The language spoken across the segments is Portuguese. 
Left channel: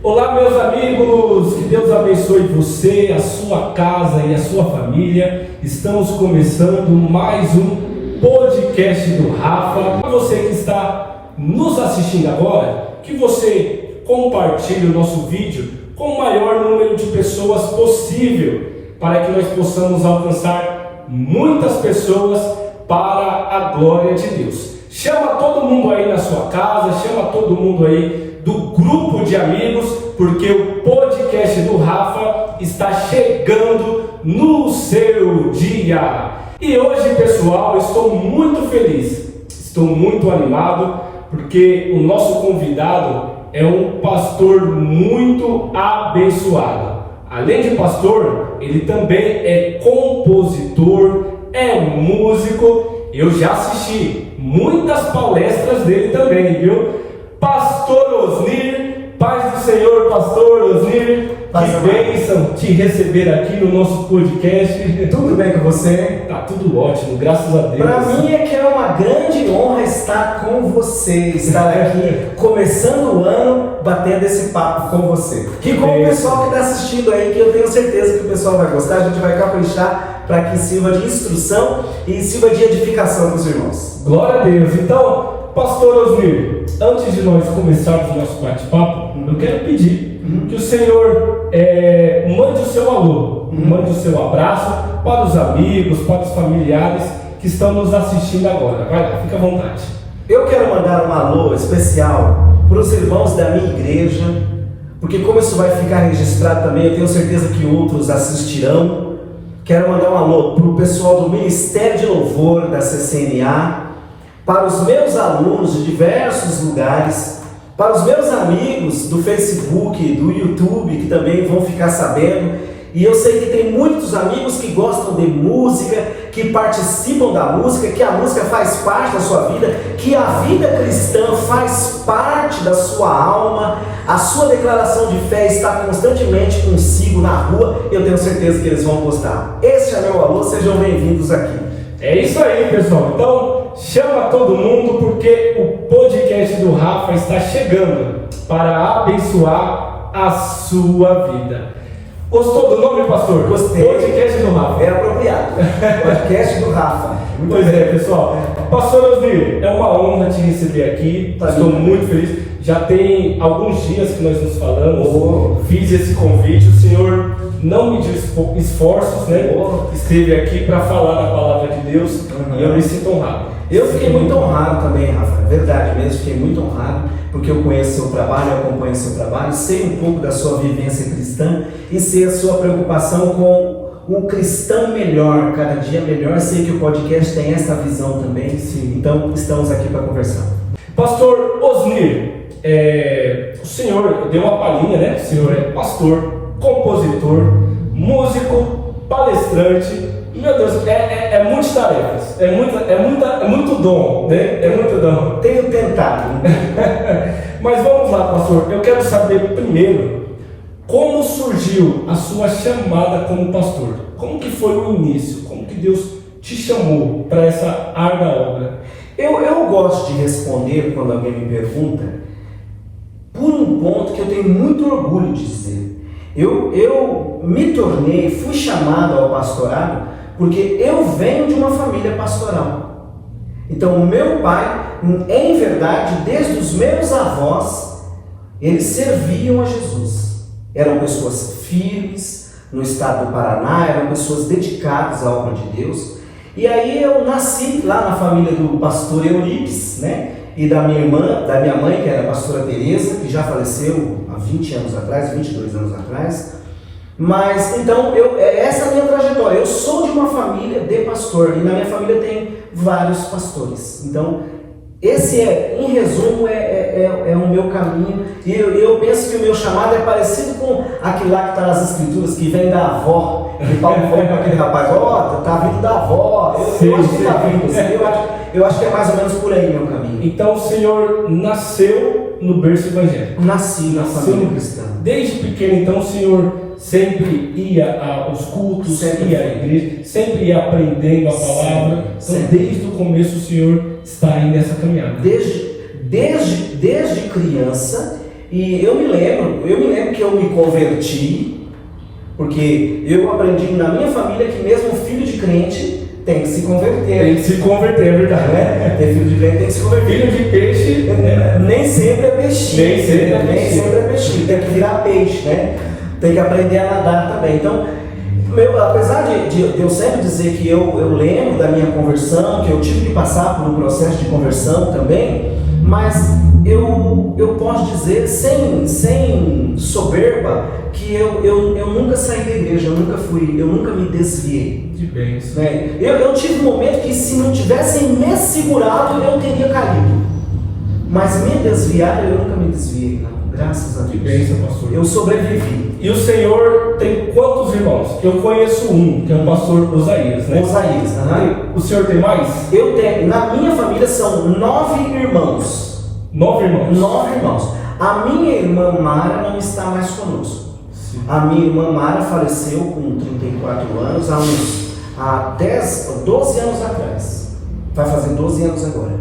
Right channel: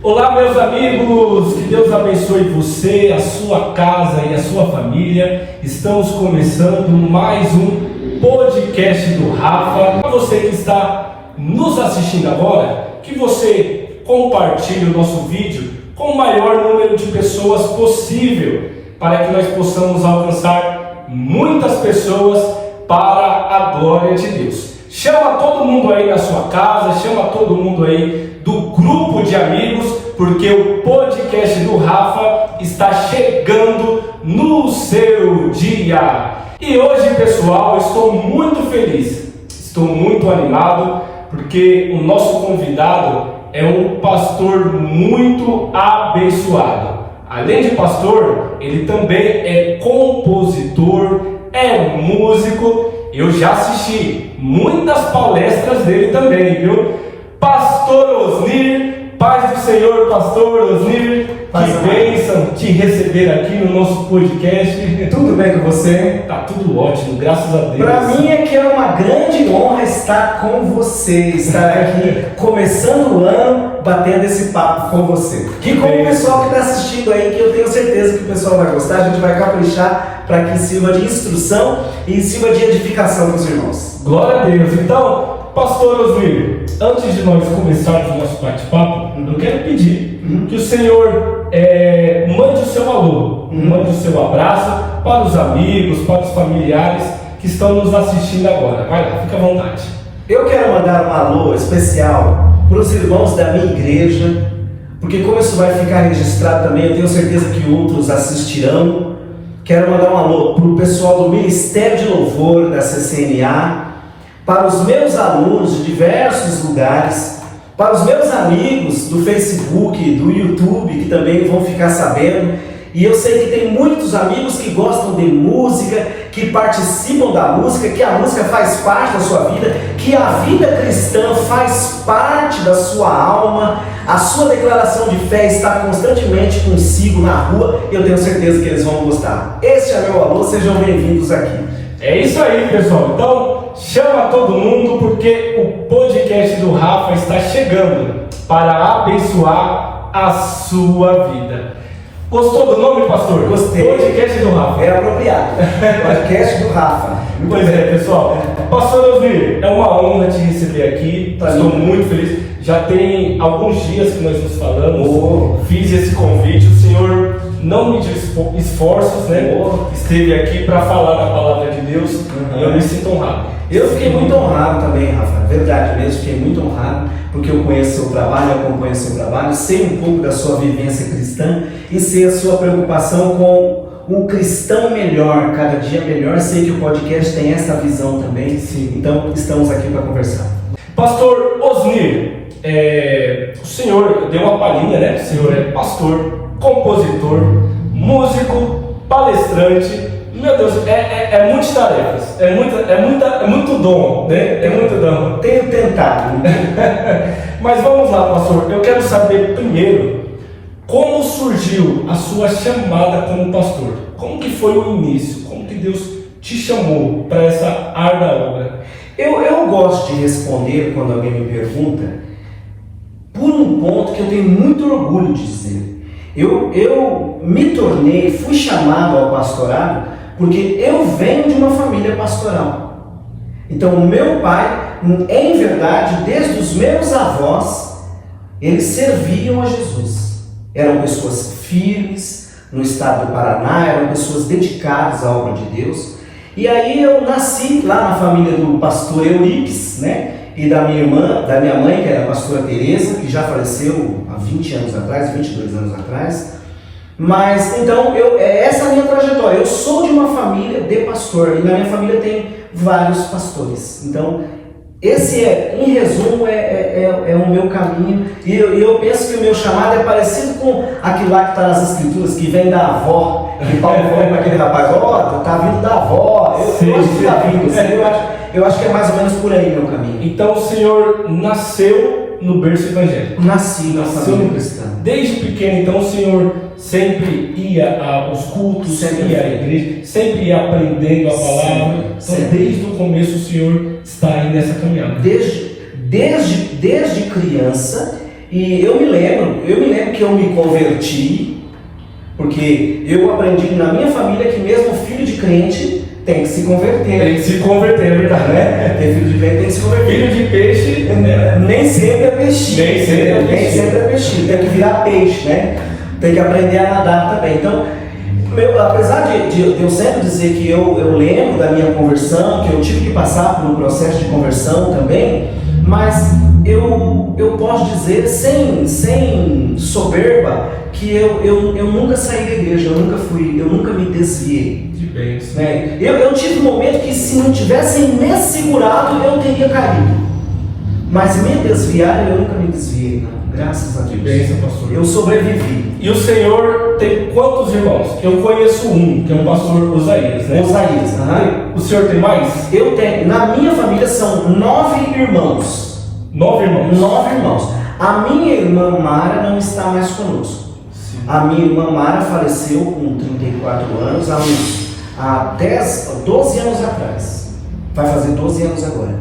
Olá, meus amigos, que Deus abençoe você, a sua casa e a sua família. Estamos começando mais um podcast do Rafa. Para você que está nos assistindo agora, que você compartilhe o nosso vídeo com o maior número de pessoas possível, para que nós possamos alcançar muitas pessoas para a glória de Deus. Chama todo mundo aí na sua casa, chama todo mundo aí do grupo de amigos, porque o podcast do Rafa está chegando no seu dia. E hoje, pessoal, eu estou muito feliz, estou muito animado, porque o nosso convidado é um pastor muito abençoado. Além de pastor, ele também é compositor, é músico. Eu já assisti muitas palestras dele também, viu? Pastor Osnir, paz do Senhor, pastor Osnir, que bênção te receber aqui no nosso podcast. Tudo bem com você? Tá tudo ótimo, graças a Deus. Para mim é que é uma grande honra estar com você, estar aqui começando o ano, batendo esse papo com você. E com o pessoal que está assistindo aí, que eu tenho certeza que o pessoal vai gostar, a gente vai caprichar para que sirva de instrução e sirva de edificação para os irmãos. Glória a Deus. Então, pastor Osnir, antes de nós começarmos o nosso bate-papo, eu quero pedir que o Senhor mande o seu alô, mande o seu abraço para os amigos, para os familiares que estão nos assistindo agora. Vai lá, fica à vontade. Eu quero mandar um alô especial para os irmãos da minha igreja, porque como isso vai ficar registrado também, eu tenho certeza que outros assistirão. Quero mandar um alô para o pessoal do Ministério de Louvor da CCNA, para os meus alunos de diversos lugares, para os meus amigos do Facebook, do YouTube, que também vão ficar sabendo. E eu sei que tem muitos amigos que gostam de música, que participam da música, que a música faz parte da sua vida, que a vida cristã faz parte da sua alma, a sua declaração de fé está constantemente consigo na rua. Eu tenho certeza que eles vão gostar. Esse é meu alô, sejam bem-vindos aqui. É isso aí, pessoal. Então, chama todo mundo, porque o podcast do Rafa está chegando para abençoar a sua vida. Gostou do nome, pastor? Gostei. Podcast do Rafa. É apropriado. Podcast do Rafa. Pois é, pessoal. Pastor Osnir, é uma honra te receber aqui. Estou muito feliz. Já tem alguns dias que nós nos falamos. Fiz esse convite. O Senhor não mediu esforços, né? Esteve aqui para falar da palavra de Deus. E eu me sinto honrado. Eu fiquei muito honrado também, Rafa, verdade mesmo, fiquei muito honrado, porque eu conheço o seu trabalho, eu acompanho o seu trabalho, sei um pouco da sua vivência cristã e sei a sua preocupação com um cristão melhor, cada dia melhor. Sei que o podcast tem essa visão também. Sim. Então estamos aqui para conversar. Pastor Osnir, o senhor deu uma palhinha, né? O senhor é pastor, compositor, músico, palestrante. Meu Deus, é muitas tarefas, é muito dom, né? É muito dom. Tenho tentado. Mas vamos lá, pastor. Eu quero saber primeiro como surgiu a sua chamada como pastor. Como que foi o início? Como que Deus te chamou para essa árdua obra? Eu gosto de responder quando alguém me pergunta por um ponto que eu tenho muito orgulho de dizer. Eu fui chamado ao pastorado porque eu venho de uma família pastoral. Então, o meu pai, em verdade, desde os meus avós, eles serviam a Jesus. Eram pessoas firmes no estado do Paraná, eram pessoas dedicadas à obra de Deus. E aí eu nasci lá na família do pastor Euripes, né? E da minha mãe, que era a pastora Teresa, que já faleceu há 20 anos atrás, 22 anos atrás. Mas, então, essa é a minha trajetória. Eu sou de uma família de pastor, e na minha família tem vários pastores. Então, esse em resumo, é o meu caminho. E eu penso que o meu chamado é parecido com aquilo lá que está nas escrituras, que vem da avó. E Paulo falou para aquele rapaz: ó, tá vindo da avó. Eu acho que tá vindo. Eu acho que é mais ou menos por aí meu caminho. Então, o senhor nasceu no berço evangélico? Nasci na família cristã. Desde pequeno, então, o senhor sempre ia aos cultos, sempre ia à igreja, sempre ia aprendendo a palavra. Então, desde o começo, o senhor está aí nessa caminhada. Desde criança, E eu me lembro que eu me converti, porque eu aprendi na minha família que mesmo filho de crente tem que se converter. Tem que se converter, é verdade. Né? Tem filho de crente tem que se converter. Filho de peixe, nem sempre é peixinho. Nem sempre é peixinho. Tem que virar peixe, né? Tem que aprender a nadar também. Então, apesar de eu sempre dizer que eu lembro da minha conversão, que eu tive que passar por um processo de conversão também, mas eu posso dizer sem soberba que eu nunca saí da igreja, eu nunca me desviei. De bênção. Né? Eu tive um momento que se não tivessem me segurado eu teria caído, mas me desviar eu nunca me desviei, não. Graças a Deus. De bênção, pastor. Eu sobrevivi. E o senhor tem quantos irmãos? Eu conheço um, que é o pastor Osaías, né? Osaías, O senhor tem mais? Eu tenho. Na minha família são 9 irmãos. 9 irmãos? 9 irmãos. A minha irmã Mara não está mais conosco. Sim. A minha irmã Mara faleceu com 34 anos, há 12 anos atrás. Vai fazer 12 anos agora.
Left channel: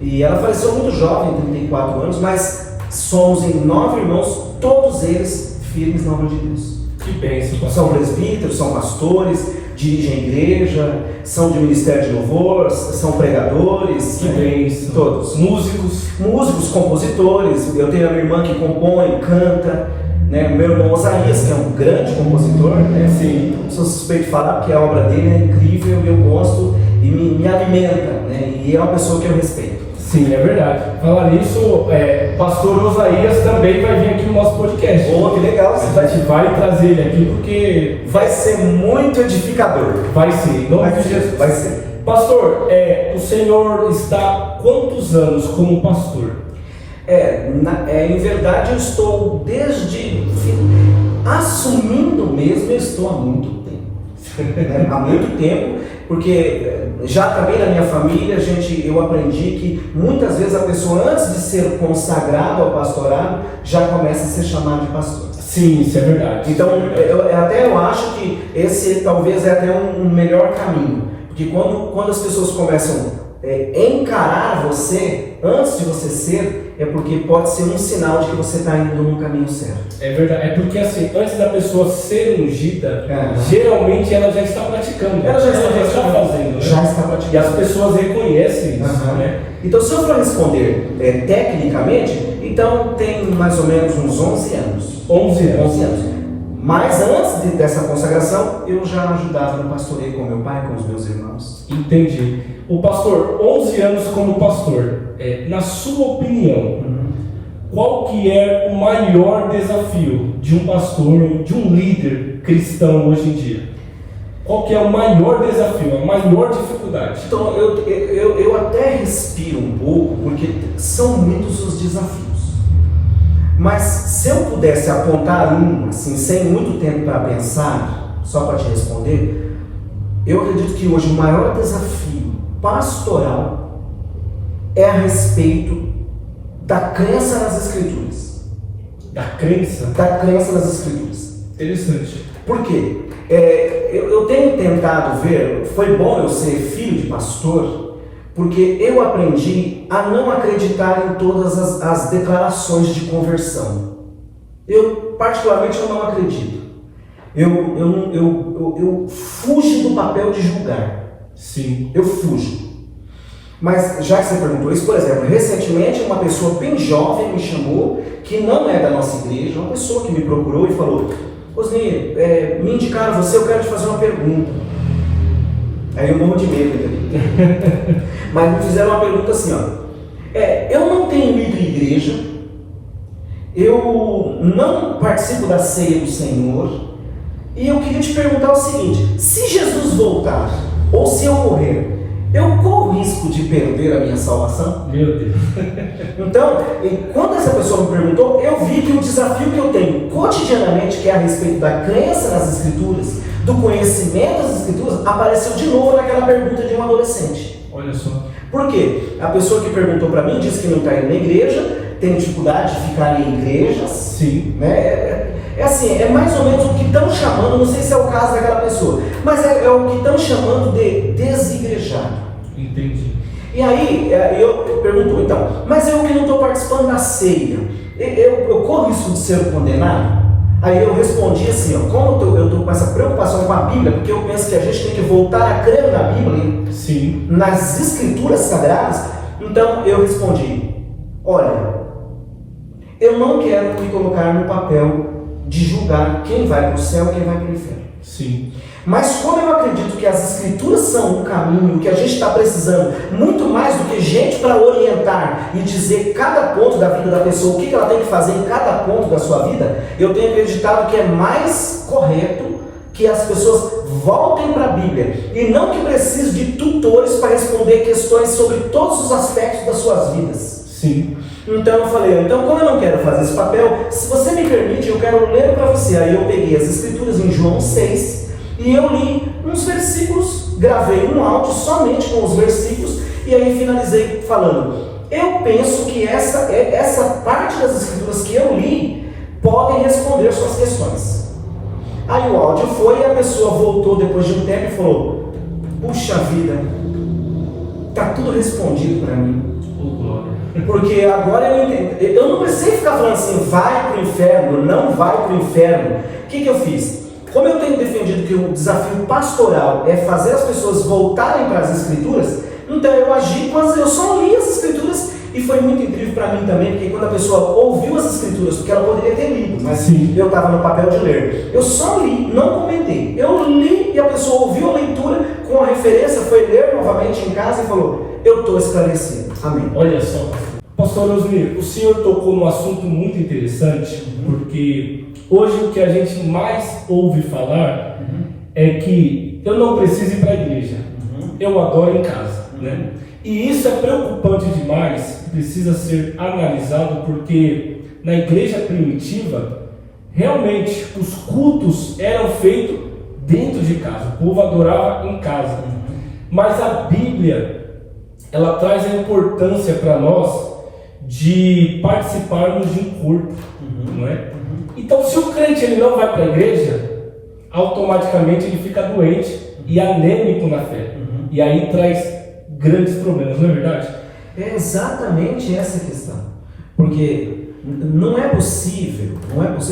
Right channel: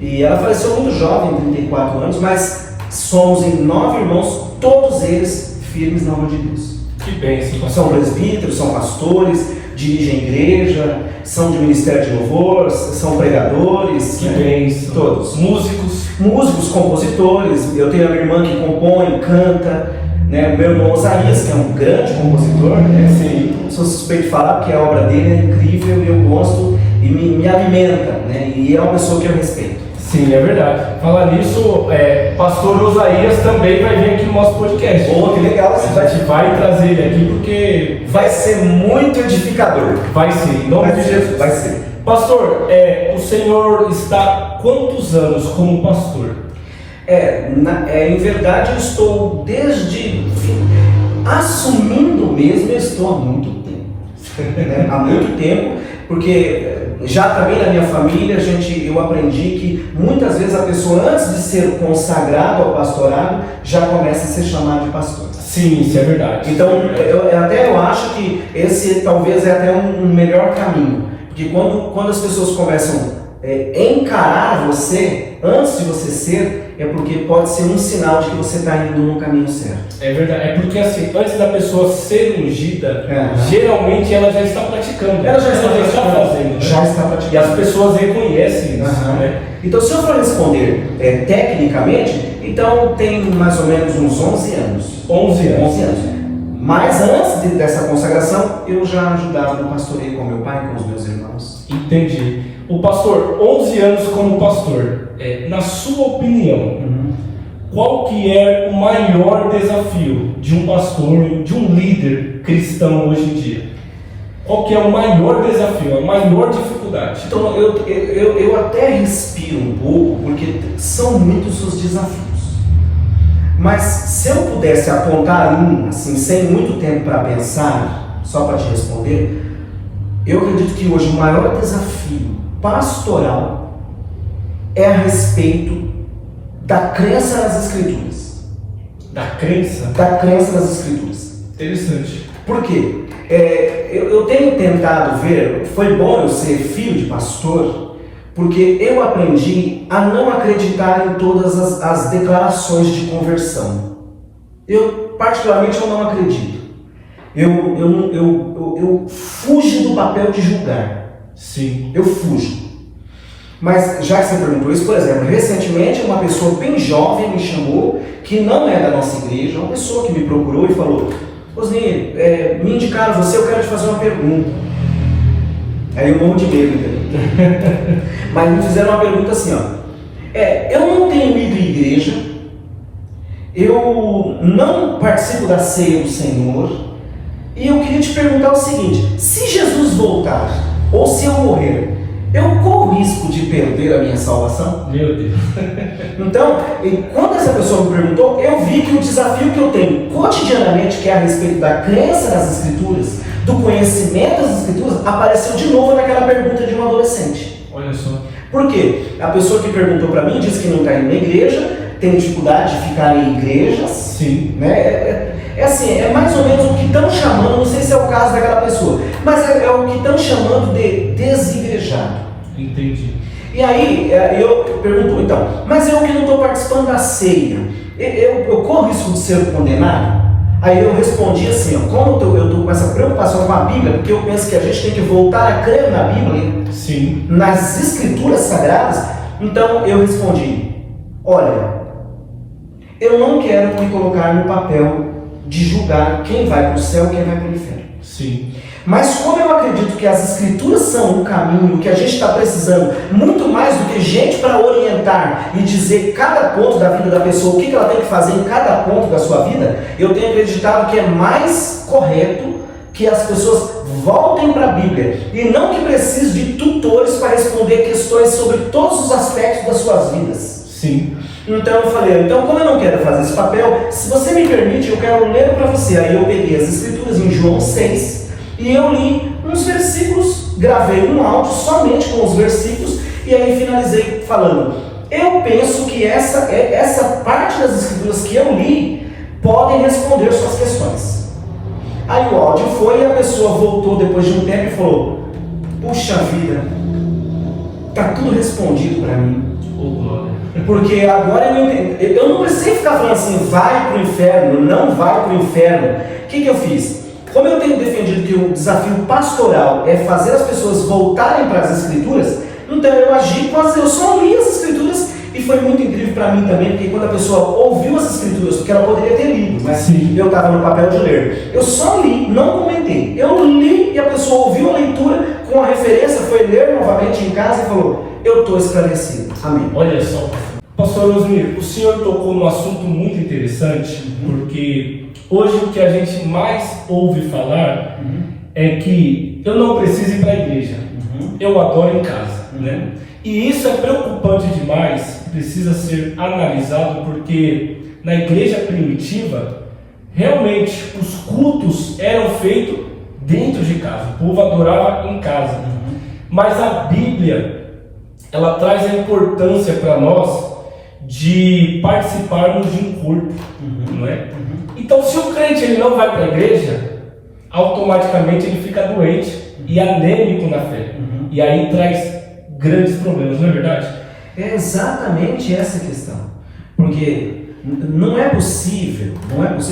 E ela faleceu muito jovem, 34 anos, mas somos em 9 irmãos, todos eles firmes na obra de Deus. Que bênção, pastor. São presbíteros, são pastores, dirigem igreja, são de ministério de louvor, são pregadores. Que bênção. Todos. Músicos, compositores. Eu tenho a minha irmã que compõe, canta, né? Meu irmão Osaías, que é um grande compositor, né? Sim. Sou suspeito de falar porque a obra dele é incrível e eu gosto e me alimenta, né? E é uma pessoa que eu respeito. Sim, é verdade. Falar nisso, pastor Osaías também vai vir aqui no nosso podcast. Oh, que legal! A gente vai trazer ele aqui porque vai ser muito edificador. Vai ser, em nome de Jesus. Vai ser. Pastor, o senhor está quantos anos como pastor? Em verdade eu estou assumindo mesmo, eu estou há muito tempo. Né? Há muito tempo, porque já também na minha família eu aprendi que muitas vezes a pessoa, antes de ser consagrada ao pastorado, já começa a ser chamada de pastor. Sim, isso é verdade. Então eu acho que esse talvez é até um melhor caminho, porque quando as pessoas começam encarar você antes de você ser, é porque pode ser um sinal de que você está indo no caminho certo. É verdade, é porque assim, antes da pessoa ser ungida, geralmente ela já está praticando. Ela já está fazendo, né? Já está praticando. E as pessoas reconhecem isso, né? Então, se eu for responder tecnicamente, então tem mais ou menos uns 11 anos. 11 anos. Mas antes dessa consagração, eu já ajudava no pastoreio com meu pai, com os meus irmãos. Entendi. O pastor, 11 anos como pastor, na sua opinião, qual que é o maior desafio de um pastor, de um líder cristão hoje em dia? Qual que é o maior desafio, a maior dificuldade? Então, eu até respiro um pouco, porque são muitos os desafios. Mas se eu pudesse apontar assim, sem muito tempo para pensar, só para te responder, eu acredito que hoje o maior desafio pastoral é a respeito da crença nas Escrituras. Da crença? Da crença nas Escrituras. Interessante. Por quê? Eu tenho tentado ver, foi bom eu ser filho de pastor, porque eu aprendi a não acreditar em todas as declarações de conversão. Particularmente, eu não acredito. Eu fujo do papel de julgar. Sim. Eu fujo. Mas, já que você perguntou isso, por exemplo, recentemente uma pessoa bem jovem me chamou, que não é da nossa igreja, uma pessoa que me procurou e falou: Osni, me indicaram você, eu quero te fazer uma pergunta. Aí eu morro de medo, entendeu? Mas me fizeram uma pergunta assim, eu não tenho ido à igreja, eu não participo da ceia do Senhor, e eu queria te perguntar o seguinte: se Jesus voltar, ou se eu morrer, eu corro risco de perder a minha salvação? Meu Deus. Então, quando essa pessoa me perguntou, eu vi que o desafio que eu tenho cotidianamente, que é a respeito da crença nas Escrituras, do conhecimento das Escrituras, apareceu de novo naquela pergunta de um adolescente. Olha só. Por quê? A pessoa que perguntou para mim disse que não está indo na igreja, tem dificuldade de ficar em igrejas. Sim. Né? É mais ou menos o que estão chamando, não sei se é o caso daquela pessoa, mas é o que estão chamando de desigrejado. Entendi. E aí eu pergunto, então, mas eu que não estou participando da ceia, eu corro risco de ser condenado? Aí eu respondi assim, ó, como eu estou com essa preocupação com a Bíblia, porque eu penso que a gente tem que voltar a crer na Bíblia, sim, nas escrituras sagradas, então eu respondi, olha, eu não quero me colocar no papel de julgar quem vai para o céu e quem vai para o inferno. sim. Mas como eu acredito que as escrituras são um caminho que a gente está precisando, muito mais do que gente para orientar e dizer cada ponto da vida da pessoa, o que ela tem que fazer em cada ponto da sua vida, eu tenho acreditado que é mais correto que as pessoas voltem para a Bíblia e não que precisem de tutores para responder questões sobre todos os aspectos das suas vidas. Sim. Então eu falei, então como eu não quero fazer esse papel, se você me permite, eu quero ler para você. Aí eu peguei as escrituras em João 6 e eu li uns versículos, gravei um áudio somente com os versículos e aí finalizei falando, eu penso que essa parte das escrituras que eu li podem responder suas questões. Aí o áudio foi e a pessoa voltou depois de um tempo e falou, puxa vida, está tudo respondido para mim. Porque agora eu entendi. Eu não precisei ficar falando assim, vai para o inferno, não vai para o inferno. O que eu fiz? Como eu tenho defendido que o desafio pastoral é fazer as pessoas voltarem para as escrituras, então eu agi eu só li as escrituras e foi muito incrível para mim também, porque quando a pessoa ouviu as escrituras, porque ela poderia ter lido, mas sim, eu estava no papel de ler. Eu só li, não comentei. Eu li e a pessoa ouviu a leitura com a referência, foi ler novamente em casa e falou, eu estou esclarecido. Amém. Olha só, pastor Osmir, o senhor tocou num assunto muito interessante, porque hoje o que a gente mais ouve falar é que eu não preciso ir para a igreja, eu adoro em casa, né? E isso é preocupante demais, precisa ser analisado, porque na igreja primitiva, realmente os cultos eram feitos dentro de casa, o povo adorava em casa, mas a Bíblia ela traz a importância para nós de participarmos de um culto, não é? Então, se o crente ele não vai para a igreja, automaticamente ele fica doente e anêmico na fé, e aí traz grandes problemas, não é verdade? É exatamente essa questão, porque não é possível,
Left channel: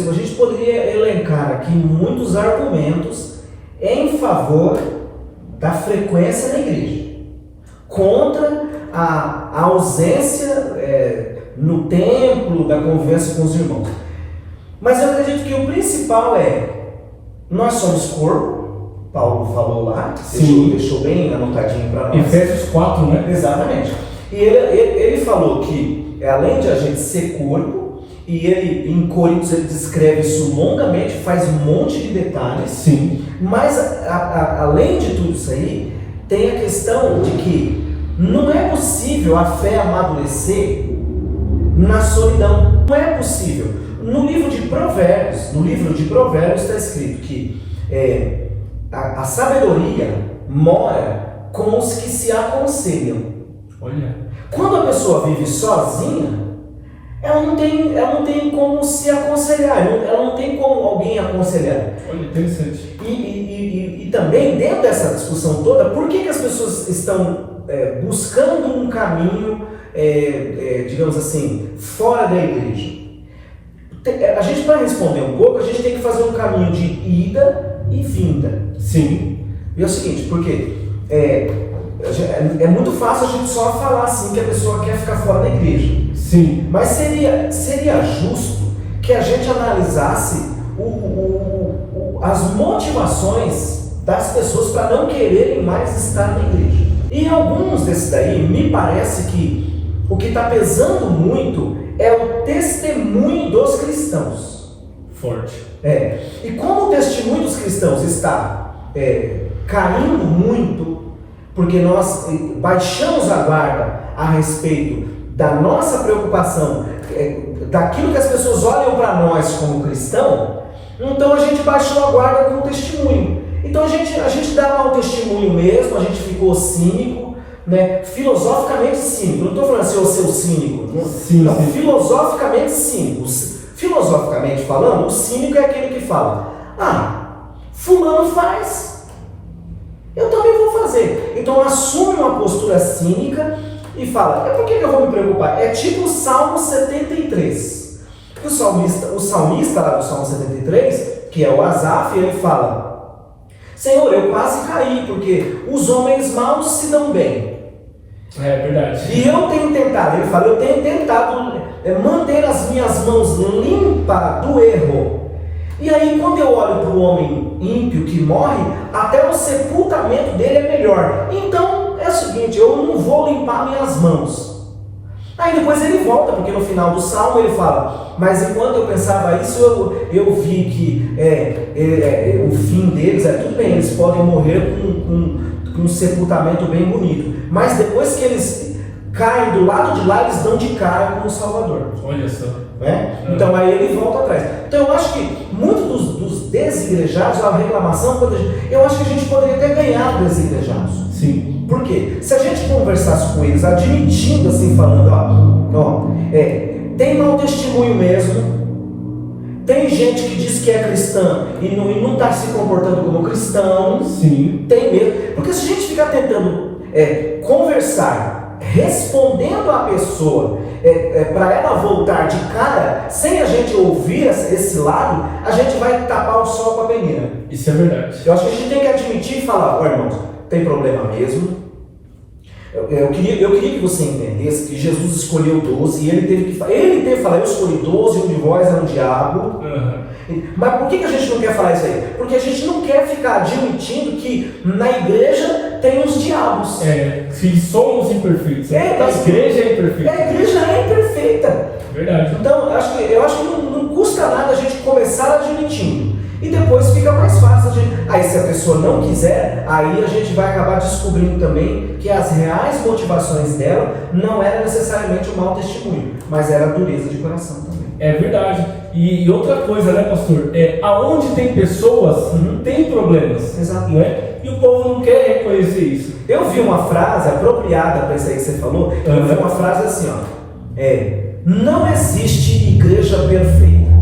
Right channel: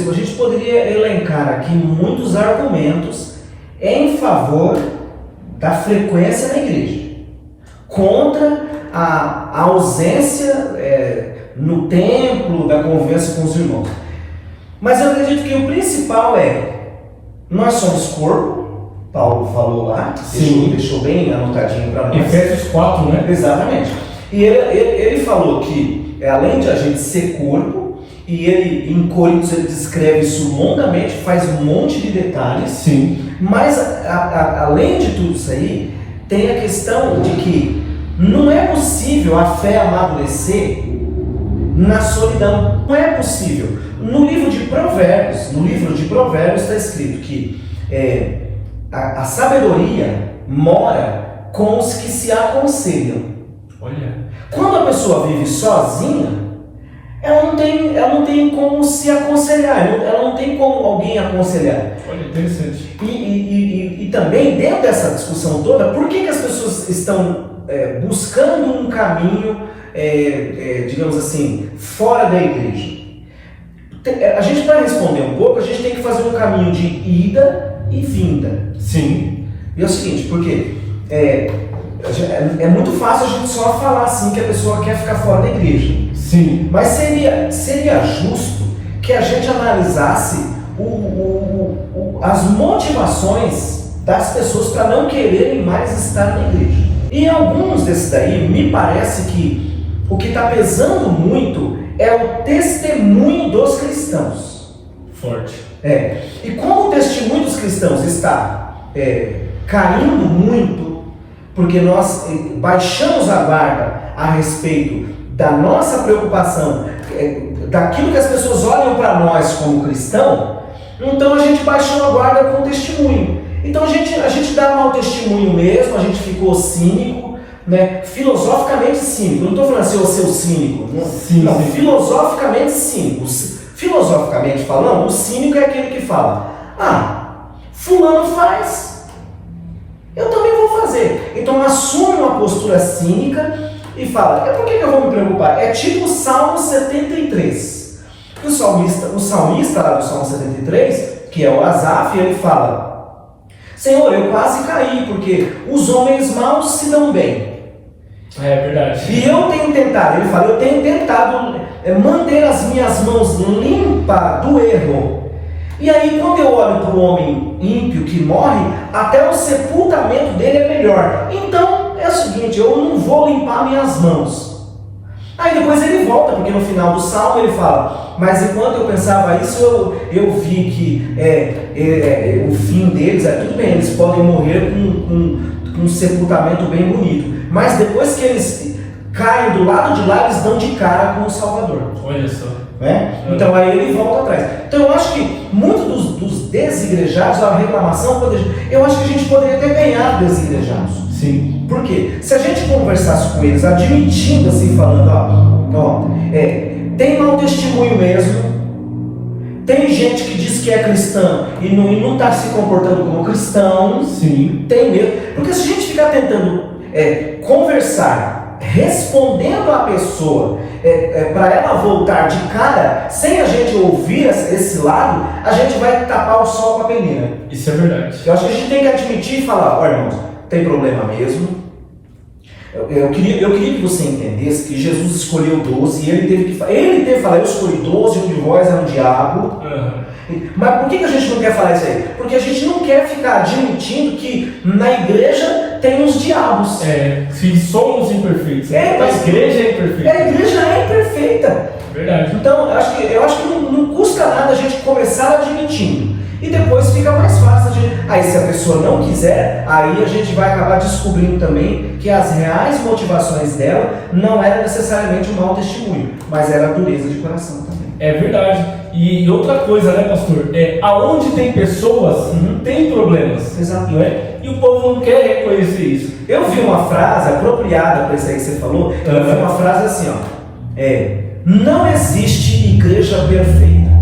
a gente poderia elencar aqui muitos argumentos em favor da frequência na igreja, contra a ausência no templo da convivência com os irmãos. Mas eu acredito que o principal nós somos corpo, Paulo falou lá, deixou bem anotadinho para nós. Efésios 4, né? Exatamente. E ele falou que além de a gente ser corpo, e ele em Coríntios ele descreve isso longamente, faz um monte de detalhes. Sim. Mas além de tudo isso aí, tem a questão de que não é possível a fé amadurecer na solidão. Não é possível. No livro de Provérbios está escrito que a sabedoria mora com os que se aconselham. Olha. Quando a pessoa vive sozinha, ela não tem como se aconselhar, ela não tem como alguém aconselhar. Olha, interessante. E também, dentro dessa discussão toda, por que as pessoas estão buscando um caminho, digamos assim, fora da igreja? A gente, para responder um pouco, a gente tem que fazer um caminho de ida e vinda. Sim. E é o seguinte, porque é muito fácil a gente só falar assim que a pessoa quer ficar fora da igreja. Sim. Mas seria justo que a gente analisasse as motivações das pessoas para não quererem mais estar na igreja. E alguns desses daí, me parece que o que está pesando muito é o testemunho dos cristãos. Forte. E como o testemunho dos cristãos está caindo muito, porque nós baixamos a guarda a respeito da nossa preocupação, daquilo que as pessoas olham para nós como cristão, então a gente baixou a guarda com o testemunho. Então a gente dá mau testemunho mesmo, a gente ficou cínico, né? Filosoficamente cínico. Não estou falando assim, eu ser cínico. Não, filosoficamente cínico. Filosoficamente falando, o cínico é aquele que fala: fulano faz, eu também vou fazer. Então assume uma postura cínica e fala, por que eu vou me preocupar? É tipo o Salmo 73. O salmista lá do Salmo 73, que é o Asaf, ele fala, Senhor, eu quase caí, porque os homens maus se dão bem. É verdade. E eu tenho tentado, ele fala, eu tenho tentado manter as minhas mãos limpas do erro. E aí quando eu olho para o homem ímpio que morre, até o sepultamento dele é melhor. Então é o seguinte, eu não vou limpar minhas mãos. Aí depois ele volta, porque no final do salmo ele fala, mas enquanto eu pensava isso, eu vi que o fim deles tudo bem, eles podem morrer com um sepultamento bem bonito. Mas depois que eles caem do lado de lá, eles dão de cara com o Salvador. Olha só. Então aí ele volta atrás. Então eu acho que muitos dos desigrejados, a reclamação, eu acho que a gente poderia até ganhar desigrejados. Sim. Por quê? Se a gente conversasse com eles, admitindo assim, falando, tem mau testemunho mesmo, tem gente que diz que é cristã e não está se comportando como cristão. Sim. Tem mesmo. Porque se a gente ficar tentando conversar, respondendo a pessoa, para ela voltar de cara, sem a gente ouvir esse lado, a gente vai tapar o sol com a peneira. Isso é verdade. Eu acho que a gente tem que admitir e falar, irmãos, tem problema mesmo. Eu queria que você entendesse que Jesus escolheu 12 e ele teve que falar, eu escolhi 12, um de vós é um diabo. Mas por que a gente não quer falar isso aí? Porque a gente não quer ficar admitindo que na igreja tem os diabos. Se somos imperfeitos. Mas a igreja é imperfeita. A igreja é imperfeita. Verdade. Então, eu acho que não custa nada a gente começar admitindo. E depois fica mais fácil. Aí se a pessoa não quiser, aí a gente vai acabar descobrindo também que as reais motivações dela não era necessariamente um mau testemunho, mas era a dureza de coração também. É verdade. E outra coisa, né, pastor? Aonde tem pessoas, tem problemas. Exato. Não é? E o povo não quer reconhecer isso. Eu vi uma frase apropriada para isso aí que você falou. Eu vi uma frase assim, não existe igreja perfeita.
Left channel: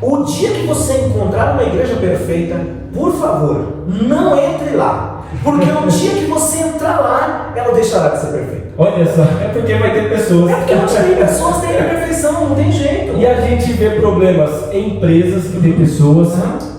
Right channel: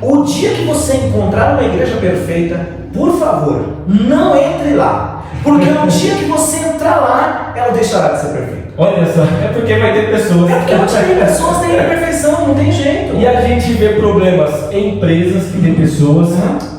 O dia que você encontrar uma igreja perfeita, por favor, não entre lá. Porque no dia que você entrar lá, ela deixará de ser perfeita. Olha só, é porque vai ter pessoas. É porque pessoas têm imperfeição, não tem jeito. E a gente vê problemas em empresas que tem pessoas,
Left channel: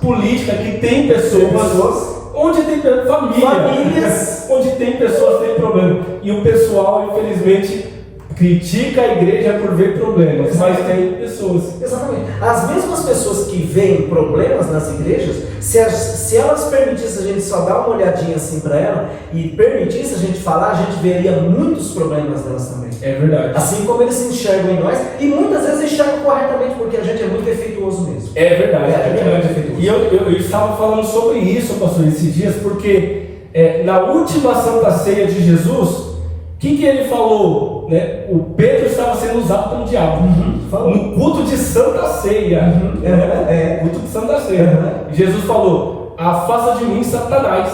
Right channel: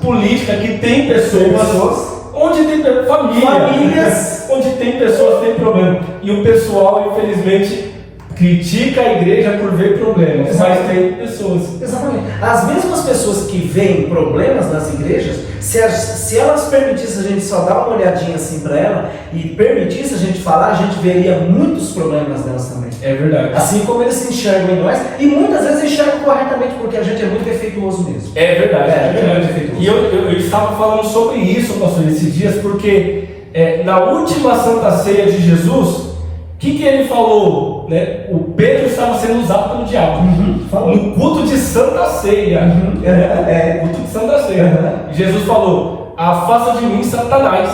política que tem pessoas, onde tem famílias, onde tem pessoas tem problema. E o pessoal, infelizmente, critica a igreja por ver problemas, mas tem pessoas. Exatamente. As mesmas pessoas que veem problemas nas igrejas, se elas permitissem a gente só dar uma olhadinha assim para ela e permitisse a gente falar, a gente veria muitos problemas delas também. É verdade. Assim como eles se enxergam em nós, e muitas vezes enxergam corretamente, porque a gente é muito defeituoso mesmo. É verdade. A gente é muito defeituoso. E eu estava falando sobre isso, pastor, esses dias, porque na última Santa Ceia de Jesus, o que ele falou? Né? O Pedro estava sendo usado pelo diabo no culto de Santa Ceia. Culto de Santa Ceia. Jesus falou: afasta de mim, Satanás.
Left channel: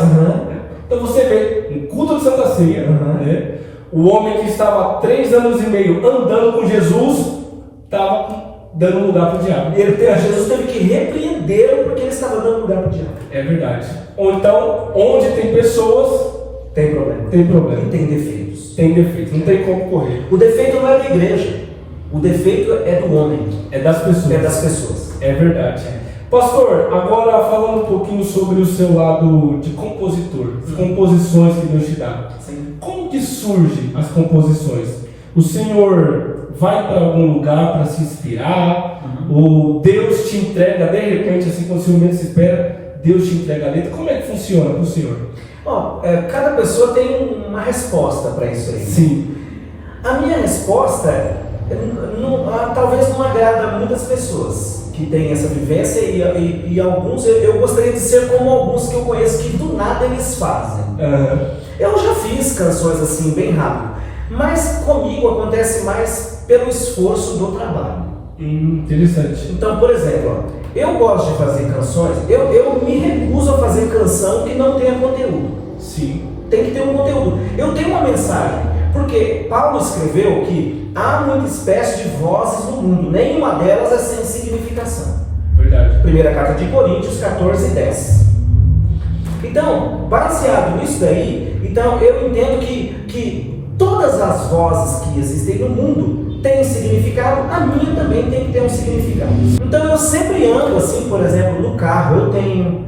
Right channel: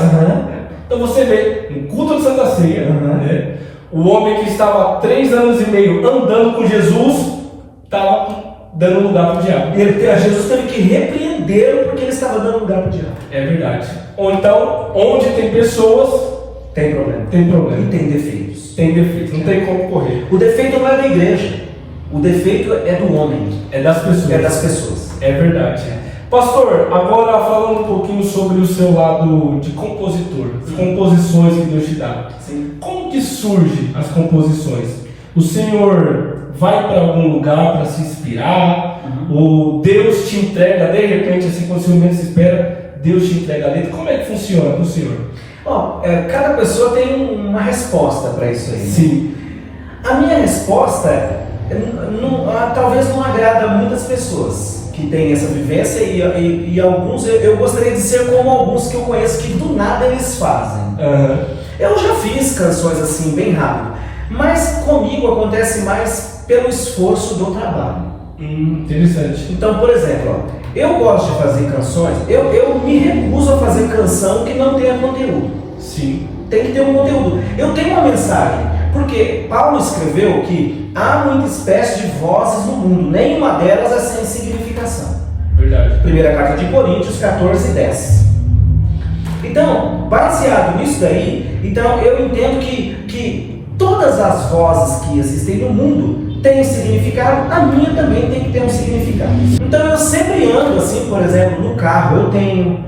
Então você vê, no culto de Santa Ceia, né? O homem que estava 3 anos e meio andando com Jesus estava dando lugar para o diabo. Jesus teve que repreendê-lo porque ele estava dando lugar para o diabo. É verdade. Ou então, onde tem pessoas, tem problema. Tem problema. E tem defeitos. Tem defeitos, não tem como correr. O defeito não é da igreja. O defeito é do homem. É das pessoas. É das pessoas. É verdade. Pastor, agora falando um pouquinho sobre o seu lado de compositor, as composições que Deus te dá. Sim. Como que surgem as composições? O Senhor vai para algum lugar para se inspirar? Ou Deus te entrega, de repente, assim, quando o Senhor menos se espera, Deus te entrega a letra? Como é que funciona para o Senhor? Cada pessoa tem uma resposta para isso aí. Sim. A minha resposta talvez não agrada a muitas pessoas que têm essa vivência e alguns, eu gostaria de ser como alguns que eu conheço que do nada eles fazem. Eu já fiz canções assim bem rápido, mas comigo acontece mais pelo esforço do trabalho. Interessante. Então, por exemplo, eu gosto de fazer canções, eu me recuso a fazer canção que não tenha conteúdo. Sim. Tem que ter um conteúdo. Eu tenho uma mensagem, porque Paulo escreveu que há muita espécie de vozes no mundo, nenhuma delas é sem significação. Verdade. Primeira carta de Coríntios 14:10. Então, baseado nisso daí, então eu entendo que todas as vozes que existem no mundo têm significado, a minha também tem que ter um significado. Então eu sempre ando assim, por exemplo, no carro, eu tenho,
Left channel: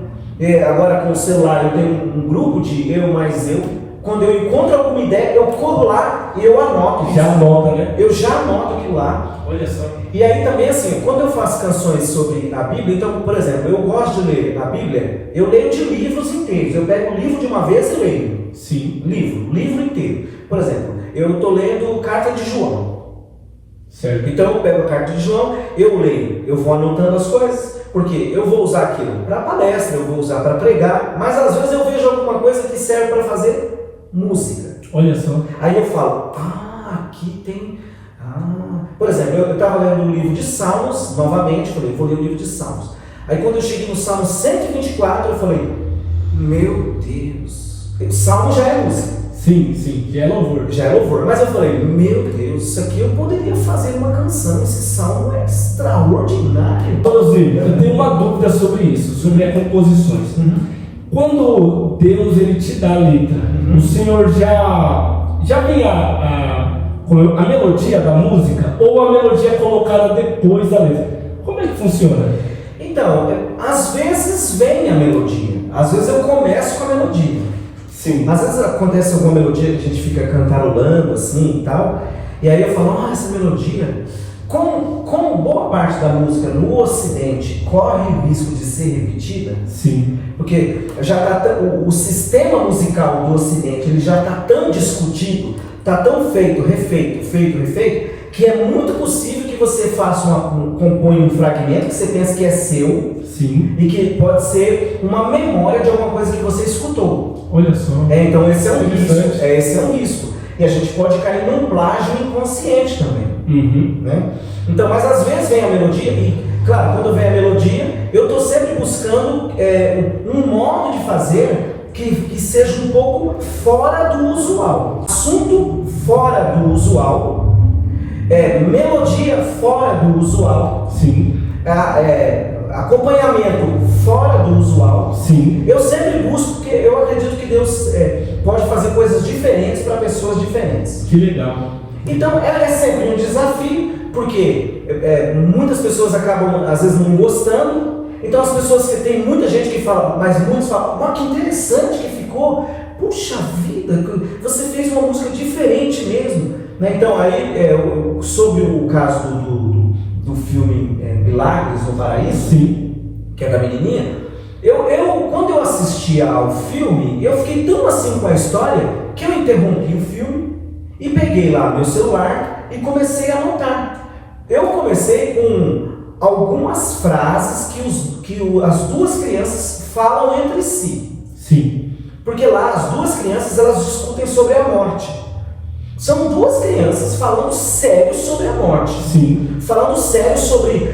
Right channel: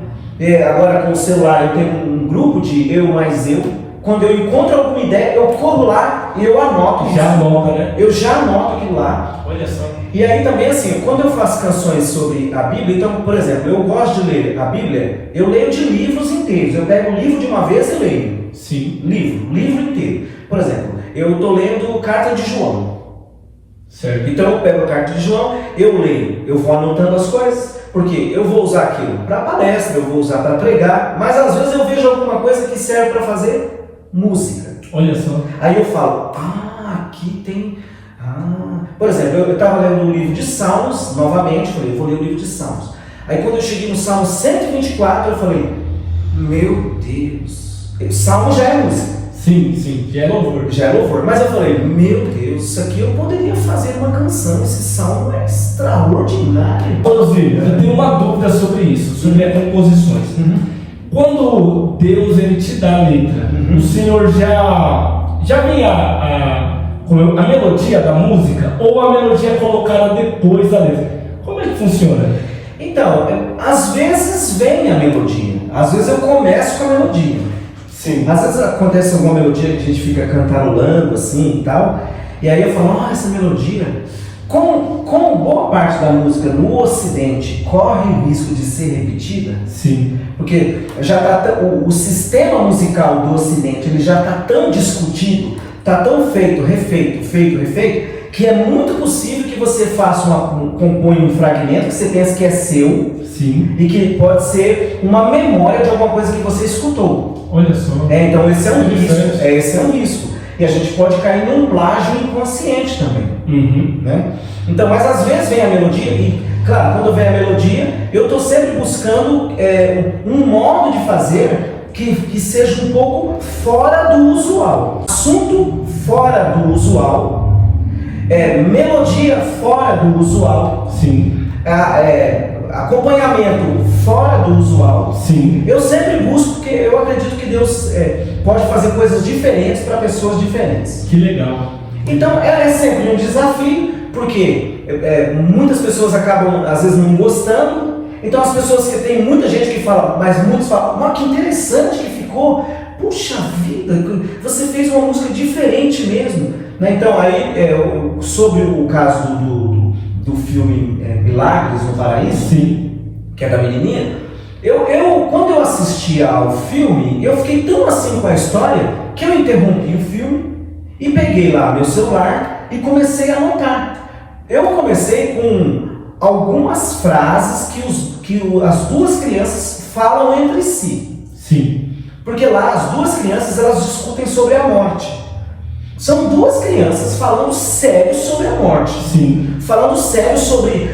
agora com o celular, eu tenho um grupo de eu mais eu. Quando eu encontro alguma ideia, eu corro lá e eu anoto. Já anota, né? Eu já anoto aquilo lá. Olha só. E aí também assim, quando eu faço canções sobre a Bíblia, então, por exemplo, eu gosto de ler a Bíblia, eu leio de livros inteiros. Eu pego um livro de uma vez e leio. Sim. Livro inteiro. Por exemplo, eu estou lendo Carta de João. Certo. Então eu pego a Carta de João, eu leio, eu vou anotando as coisas, porque eu vou usar aquilo para palestra, eu vou usar para pregar, mas às vezes eu vejo alguma coisa que serve para fazer música. Olha só. Aí eu falo, aqui tem... Por exemplo, eu estava lendo um livro de Salmos, novamente, eu falei, eu vou ler o livro de Salmos. Aí quando eu cheguei no Salmo 124, eu falei, meu Deus, Salmo já é música. Sim, já é louvor. Já é louvor, mas eu falei, meu Deus, isso aqui eu poderia fazer uma canção, esse Salmo é extraordinário. Rosy, eu tenho uma dúvida sobre isso, sobre as composições. Quando Deus ele te dá a letra, o Senhor já vem a melodia da música ou a melodia é colocada depois da letra? Como é que funciona? Então, às vezes vem a melodia, às vezes eu começo com a melodia. Sim. Às vezes acontece alguma melodia que a gente fica cantarolando assim e tal, e aí eu falo, essa melodia, como boa parte da música no Ocidente corre o risco de ser repetida, sim, porque já o sistema musical do Ocidente ele já está tão discutido, está tão refeito, que é muito possível que você compõe um fragmento que você pensa que é seu, sim, e que pode ser uma memória de alguma coisa que você escutou. Olha só. Então esse é um risco. E a gente pode cair num plágio inconsciente também. Né? Então, mas às vezes vem a melodia e, claro, quando vem a melodia, eu estou sempre buscando um modo de fazer que seja um pouco fora do usual. Assunto fora do usual, melodia fora do usual. Sim. Acompanhamento fora do usual. Sim. Eu sempre busco, porque eu acredito que Deus pode fazer coisas diferentes para pessoas diferentes. Que legal. Então é sempre um desafio, porque muitas pessoas acabam às vezes não gostando. Então as pessoas que tem muita gente que fala, mas muitos falam, que interessante que ficou. Puxa vida, você fez uma música diferente mesmo. Né? Então aí sobre o caso do filme Milagres no Paraíso, sim, que é da menininha, quando eu assisti ao filme, eu fiquei tão assim com a história que eu interrompi o filme e peguei lá meu celular e comecei a anotar. Eu comecei com algumas frases que as duas crianças falam entre si. Sim. Porque lá as duas crianças elas discutem sobre a morte. São duas crianças falando sério sobre a morte. Sim. Falando sério sobre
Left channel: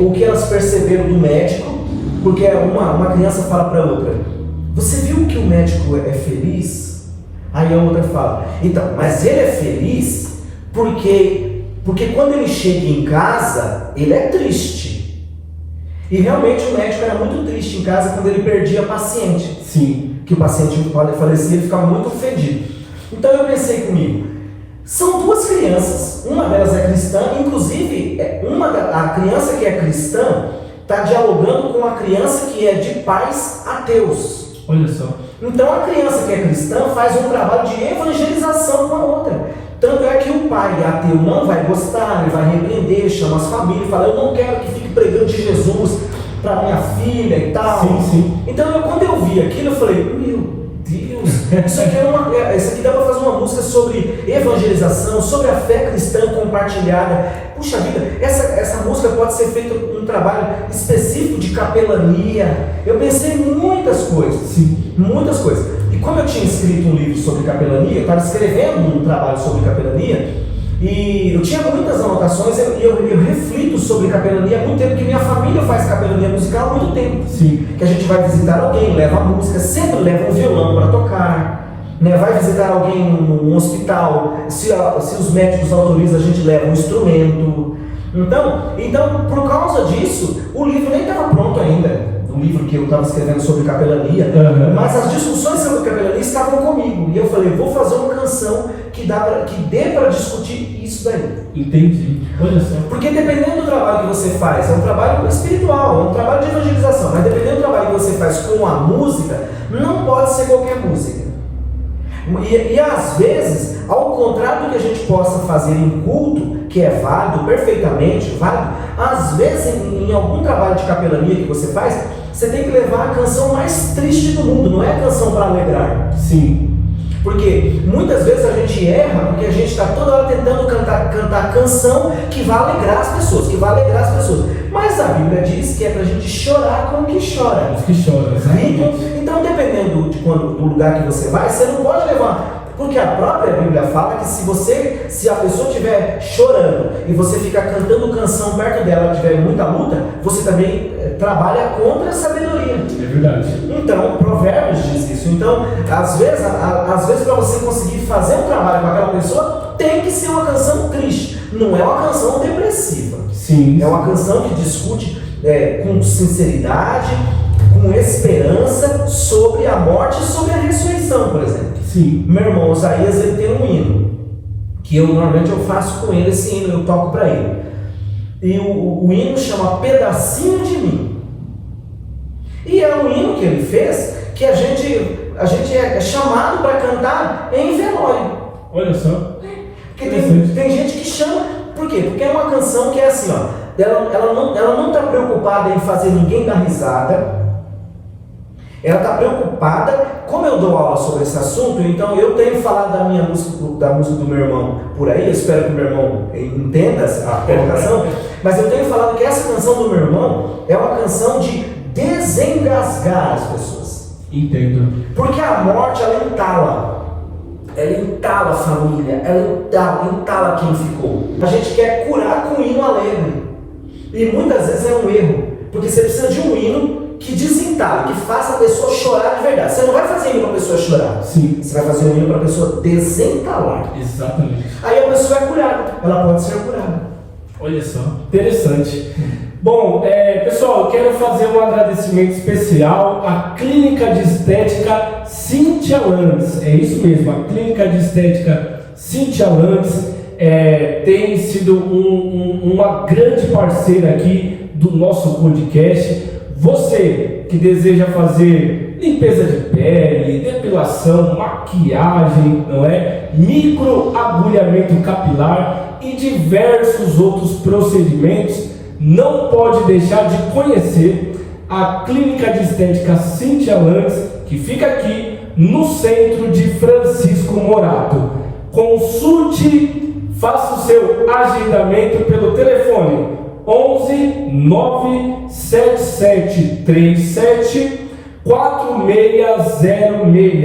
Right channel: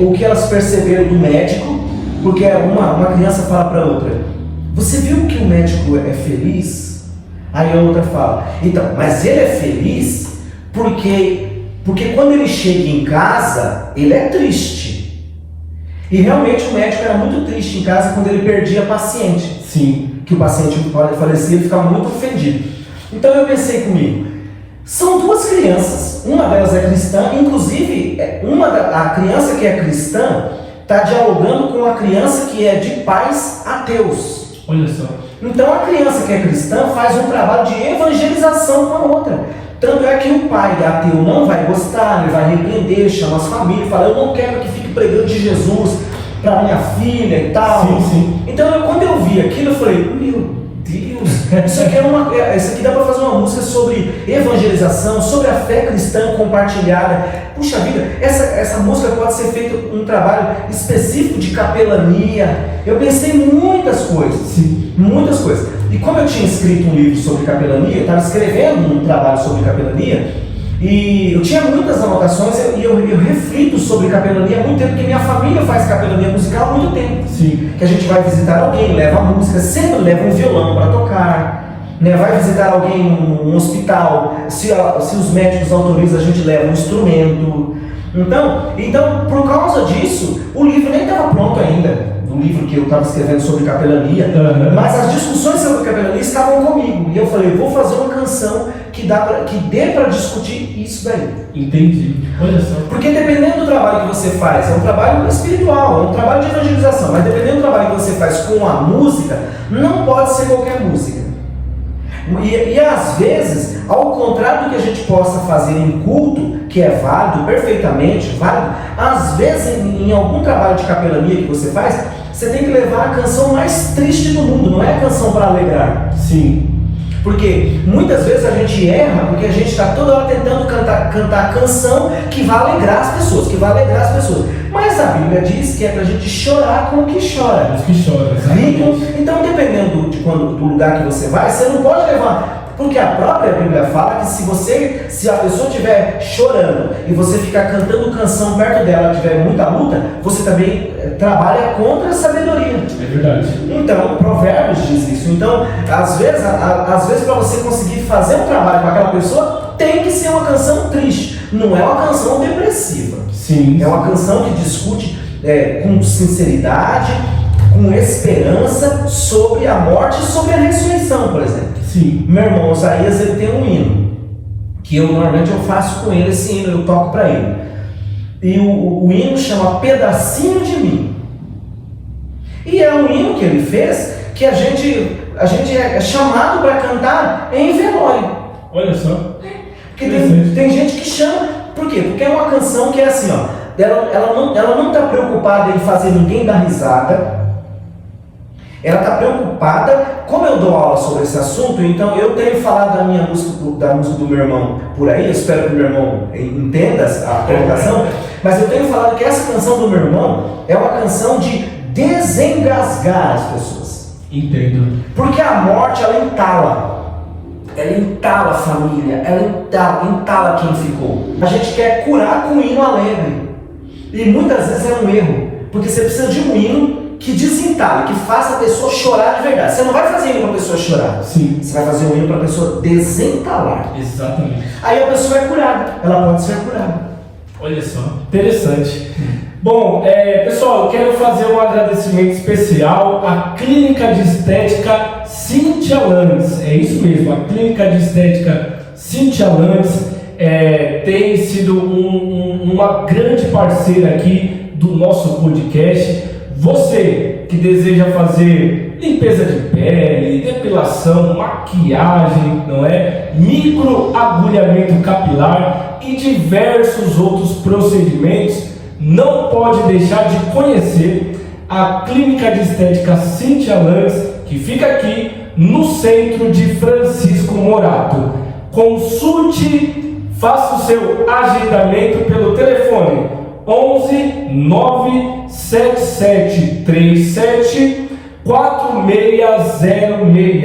o que elas perceberam do médico, porque uma criança fala para a outra, você viu que o médico é feliz? Aí a outra fala, então, mas ele é feliz porque quando ele chega em casa, ele é triste. E realmente o médico era muito triste em casa quando ele perdia a paciente. Sim. Que o paciente falecia, ele ficava muito ofendido. Então eu pensei comigo, são duas crianças, uma delas é cristã, inclusive a criança que é cristã está dialogando com a criança que é de pais ateus. Olha só. Então a criança que é cristã faz um trabalho de evangelização com a outra. Tanto é que o pai ateu não vai gostar, ele vai repreender, chama as famílias e fala, eu não quero que fique pregando de Jesus para minha filha e tal. Sim, sim. Então quando eu vi aquilo, eu falei, meu Deus, isso aqui dá para fazer uma música sobre evangelização, sobre a fé cristã compartilhada. Puxa vida, essa música pode ser feita um trabalho específico de capelania. Eu pensei em muitas coisas, sim, muitas coisas. E como eu tinha escrito um livro sobre capelania, eu estava escrevendo um trabalho sobre capelania, e eu tinha muitas anotações e eu reflito sobre capelania há muito tempo, porque minha família faz capelania musical há muito tempo. Sim. Que a gente vai visitar alguém, leva a música, sempre leva um violão para tocar, né? Vai visitar alguém num hospital, se os médicos autorizam, a gente leva um instrumento. Então, por causa disso, o livro nem estava pronto ainda, do livro que eu estava escrevendo sobre capelania, mas as discussões sobre capelania estavam comigo. E eu falei, vou fazer uma canção que dê para discutir isso daí. Entendi. Olha só. Porque dependendo do trabalho que você faz, é um trabalho espiritual, é um trabalho de evangelização, mas dependendo do trabalho que você faz com a música, não pode ser qualquer música. E às vezes, ao contrário do que a gente possa fazer em culto, que é válido, perfeitamente válido, às vezes em algum trabalho de capelania que você faz, você tem que levar a canção mais triste do mundo, não é a canção para alegrar. Sim. Porque muitas vezes a gente erra porque a gente está toda hora tentando cantar canção que vai alegrar as pessoas, Mas a Bíblia diz que é para a gente chorar com o que chora. Os que choram, exatamente. Então, dependendo do lugar que você vai, você não pode levar. Porque a própria Bíblia fala que se a pessoa estiver chorando e você ficar cantando canção perto dela, tiver muita luta, você também trabalha contra a sabedoria. É verdade. Então, Provérbios diz isso. Então, às vezes para você conseguir fazer um trabalho com aquela pessoa, tem que ser uma canção triste. Não é uma canção depressiva. Sim. É uma canção que discute com sinceridade, com esperança sobre a morte e sobre a ressurreição, por exemplo. Sim. Meu irmão Osaías, ele tem um hino que normalmente eu faço com ele, esse hino eu toco para ele. E o hino chama Pedacinho de Mim. E é um hino que ele fez que a gente é chamado para cantar em velório. Olha só. Porque tem gente que chama. Por quê? Porque é uma canção que é assim, ó. Ela não está preocupada em fazer ninguém dar risada. Ela está preocupada. Como eu dou aula sobre esse assunto, então eu tenho falado da música do meu irmão por aí. Eu espero que o meu irmão entenda a colocação. Mas eu tenho falado que essa canção do meu irmão é uma canção de desengasgar as pessoas. Entendo. Porque a morte, ela entala. Ela entala a família, ela entala quem ficou. A gente quer curar com um hino alegre. E muitas vezes é um erro. Porque você precisa de um hino que desentale, que faça a pessoa chorar de verdade. Você não vai fazer hino para a pessoa chorar. Sim. Você vai fazer um hino para a pessoa desentalar. Exatamente. Aí a pessoa é curada. Ela pode ser curada. Olha só, interessante. Bom, pessoal, eu quero fazer um agradecimento especial à Clínica de Estética Cíntia Landes. É isso mesmo, a Clínica de Estética Cíntia Landes tem sido uma grande parceira aqui do nosso podcast. Você que deseja fazer limpeza de pele, depilação, maquiagem, não é? Microagulhamento capilar e diversos outros procedimentos, não pode deixar de conhecer a Clínica de Estética Cíntia Landes, que fica aqui no centro de Francisco Morato. Consulte, faça o seu agendamento pelo telefone 11 97737 4606.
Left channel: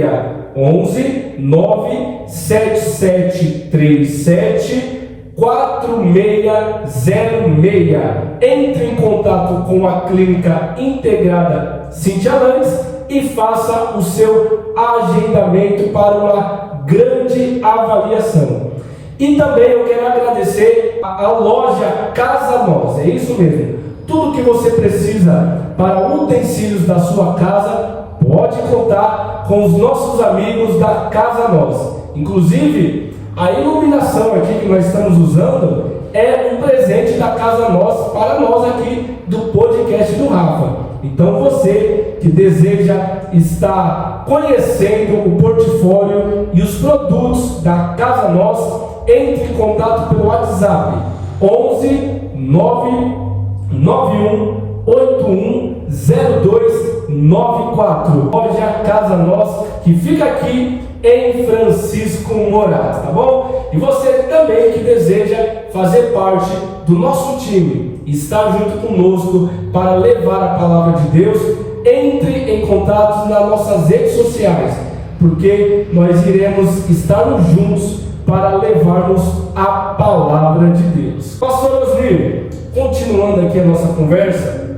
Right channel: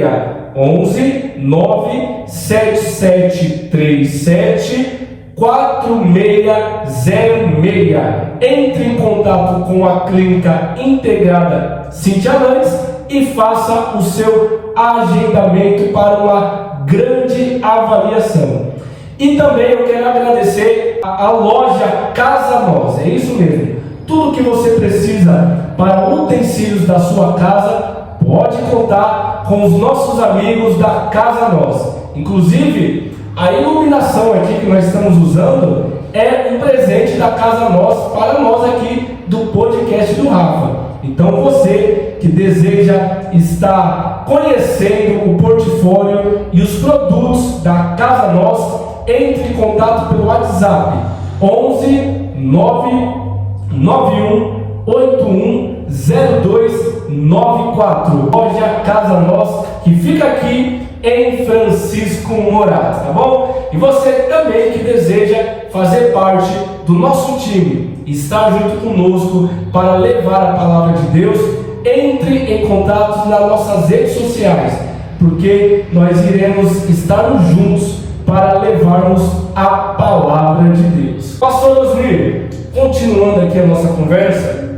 11 97737 4606. Entre em contato com a Clínica Integrada Cíntia Landes e faça o seu agendamento para uma grande avaliação. E também eu quero agradecer a loja Casa Nós, é isso mesmo. Tudo que você precisa para utensílios da sua casa, pode contar com os nossos amigos da Casa Nós. Inclusive, a iluminação aqui que nós estamos usando é um presente da Casa Nós para nós aqui do podcast do Rafa. Então você que deseja estar conhecendo o portfólio e os produtos da Casa Nós, entre em contato pelo WhatsApp 11 991 81 0294. Loja Casa Nós, que fica aqui em Francisco Morato, tá bom? E você também que deseja fazer parte do nosso time, estar junto conosco para levar a palavra de Deus, entre em contato nas nossas redes sociais, porque nós iremos estar juntos para levarmos a palavra de Deus. Pastor Osmir, continuando aqui a nossa conversa,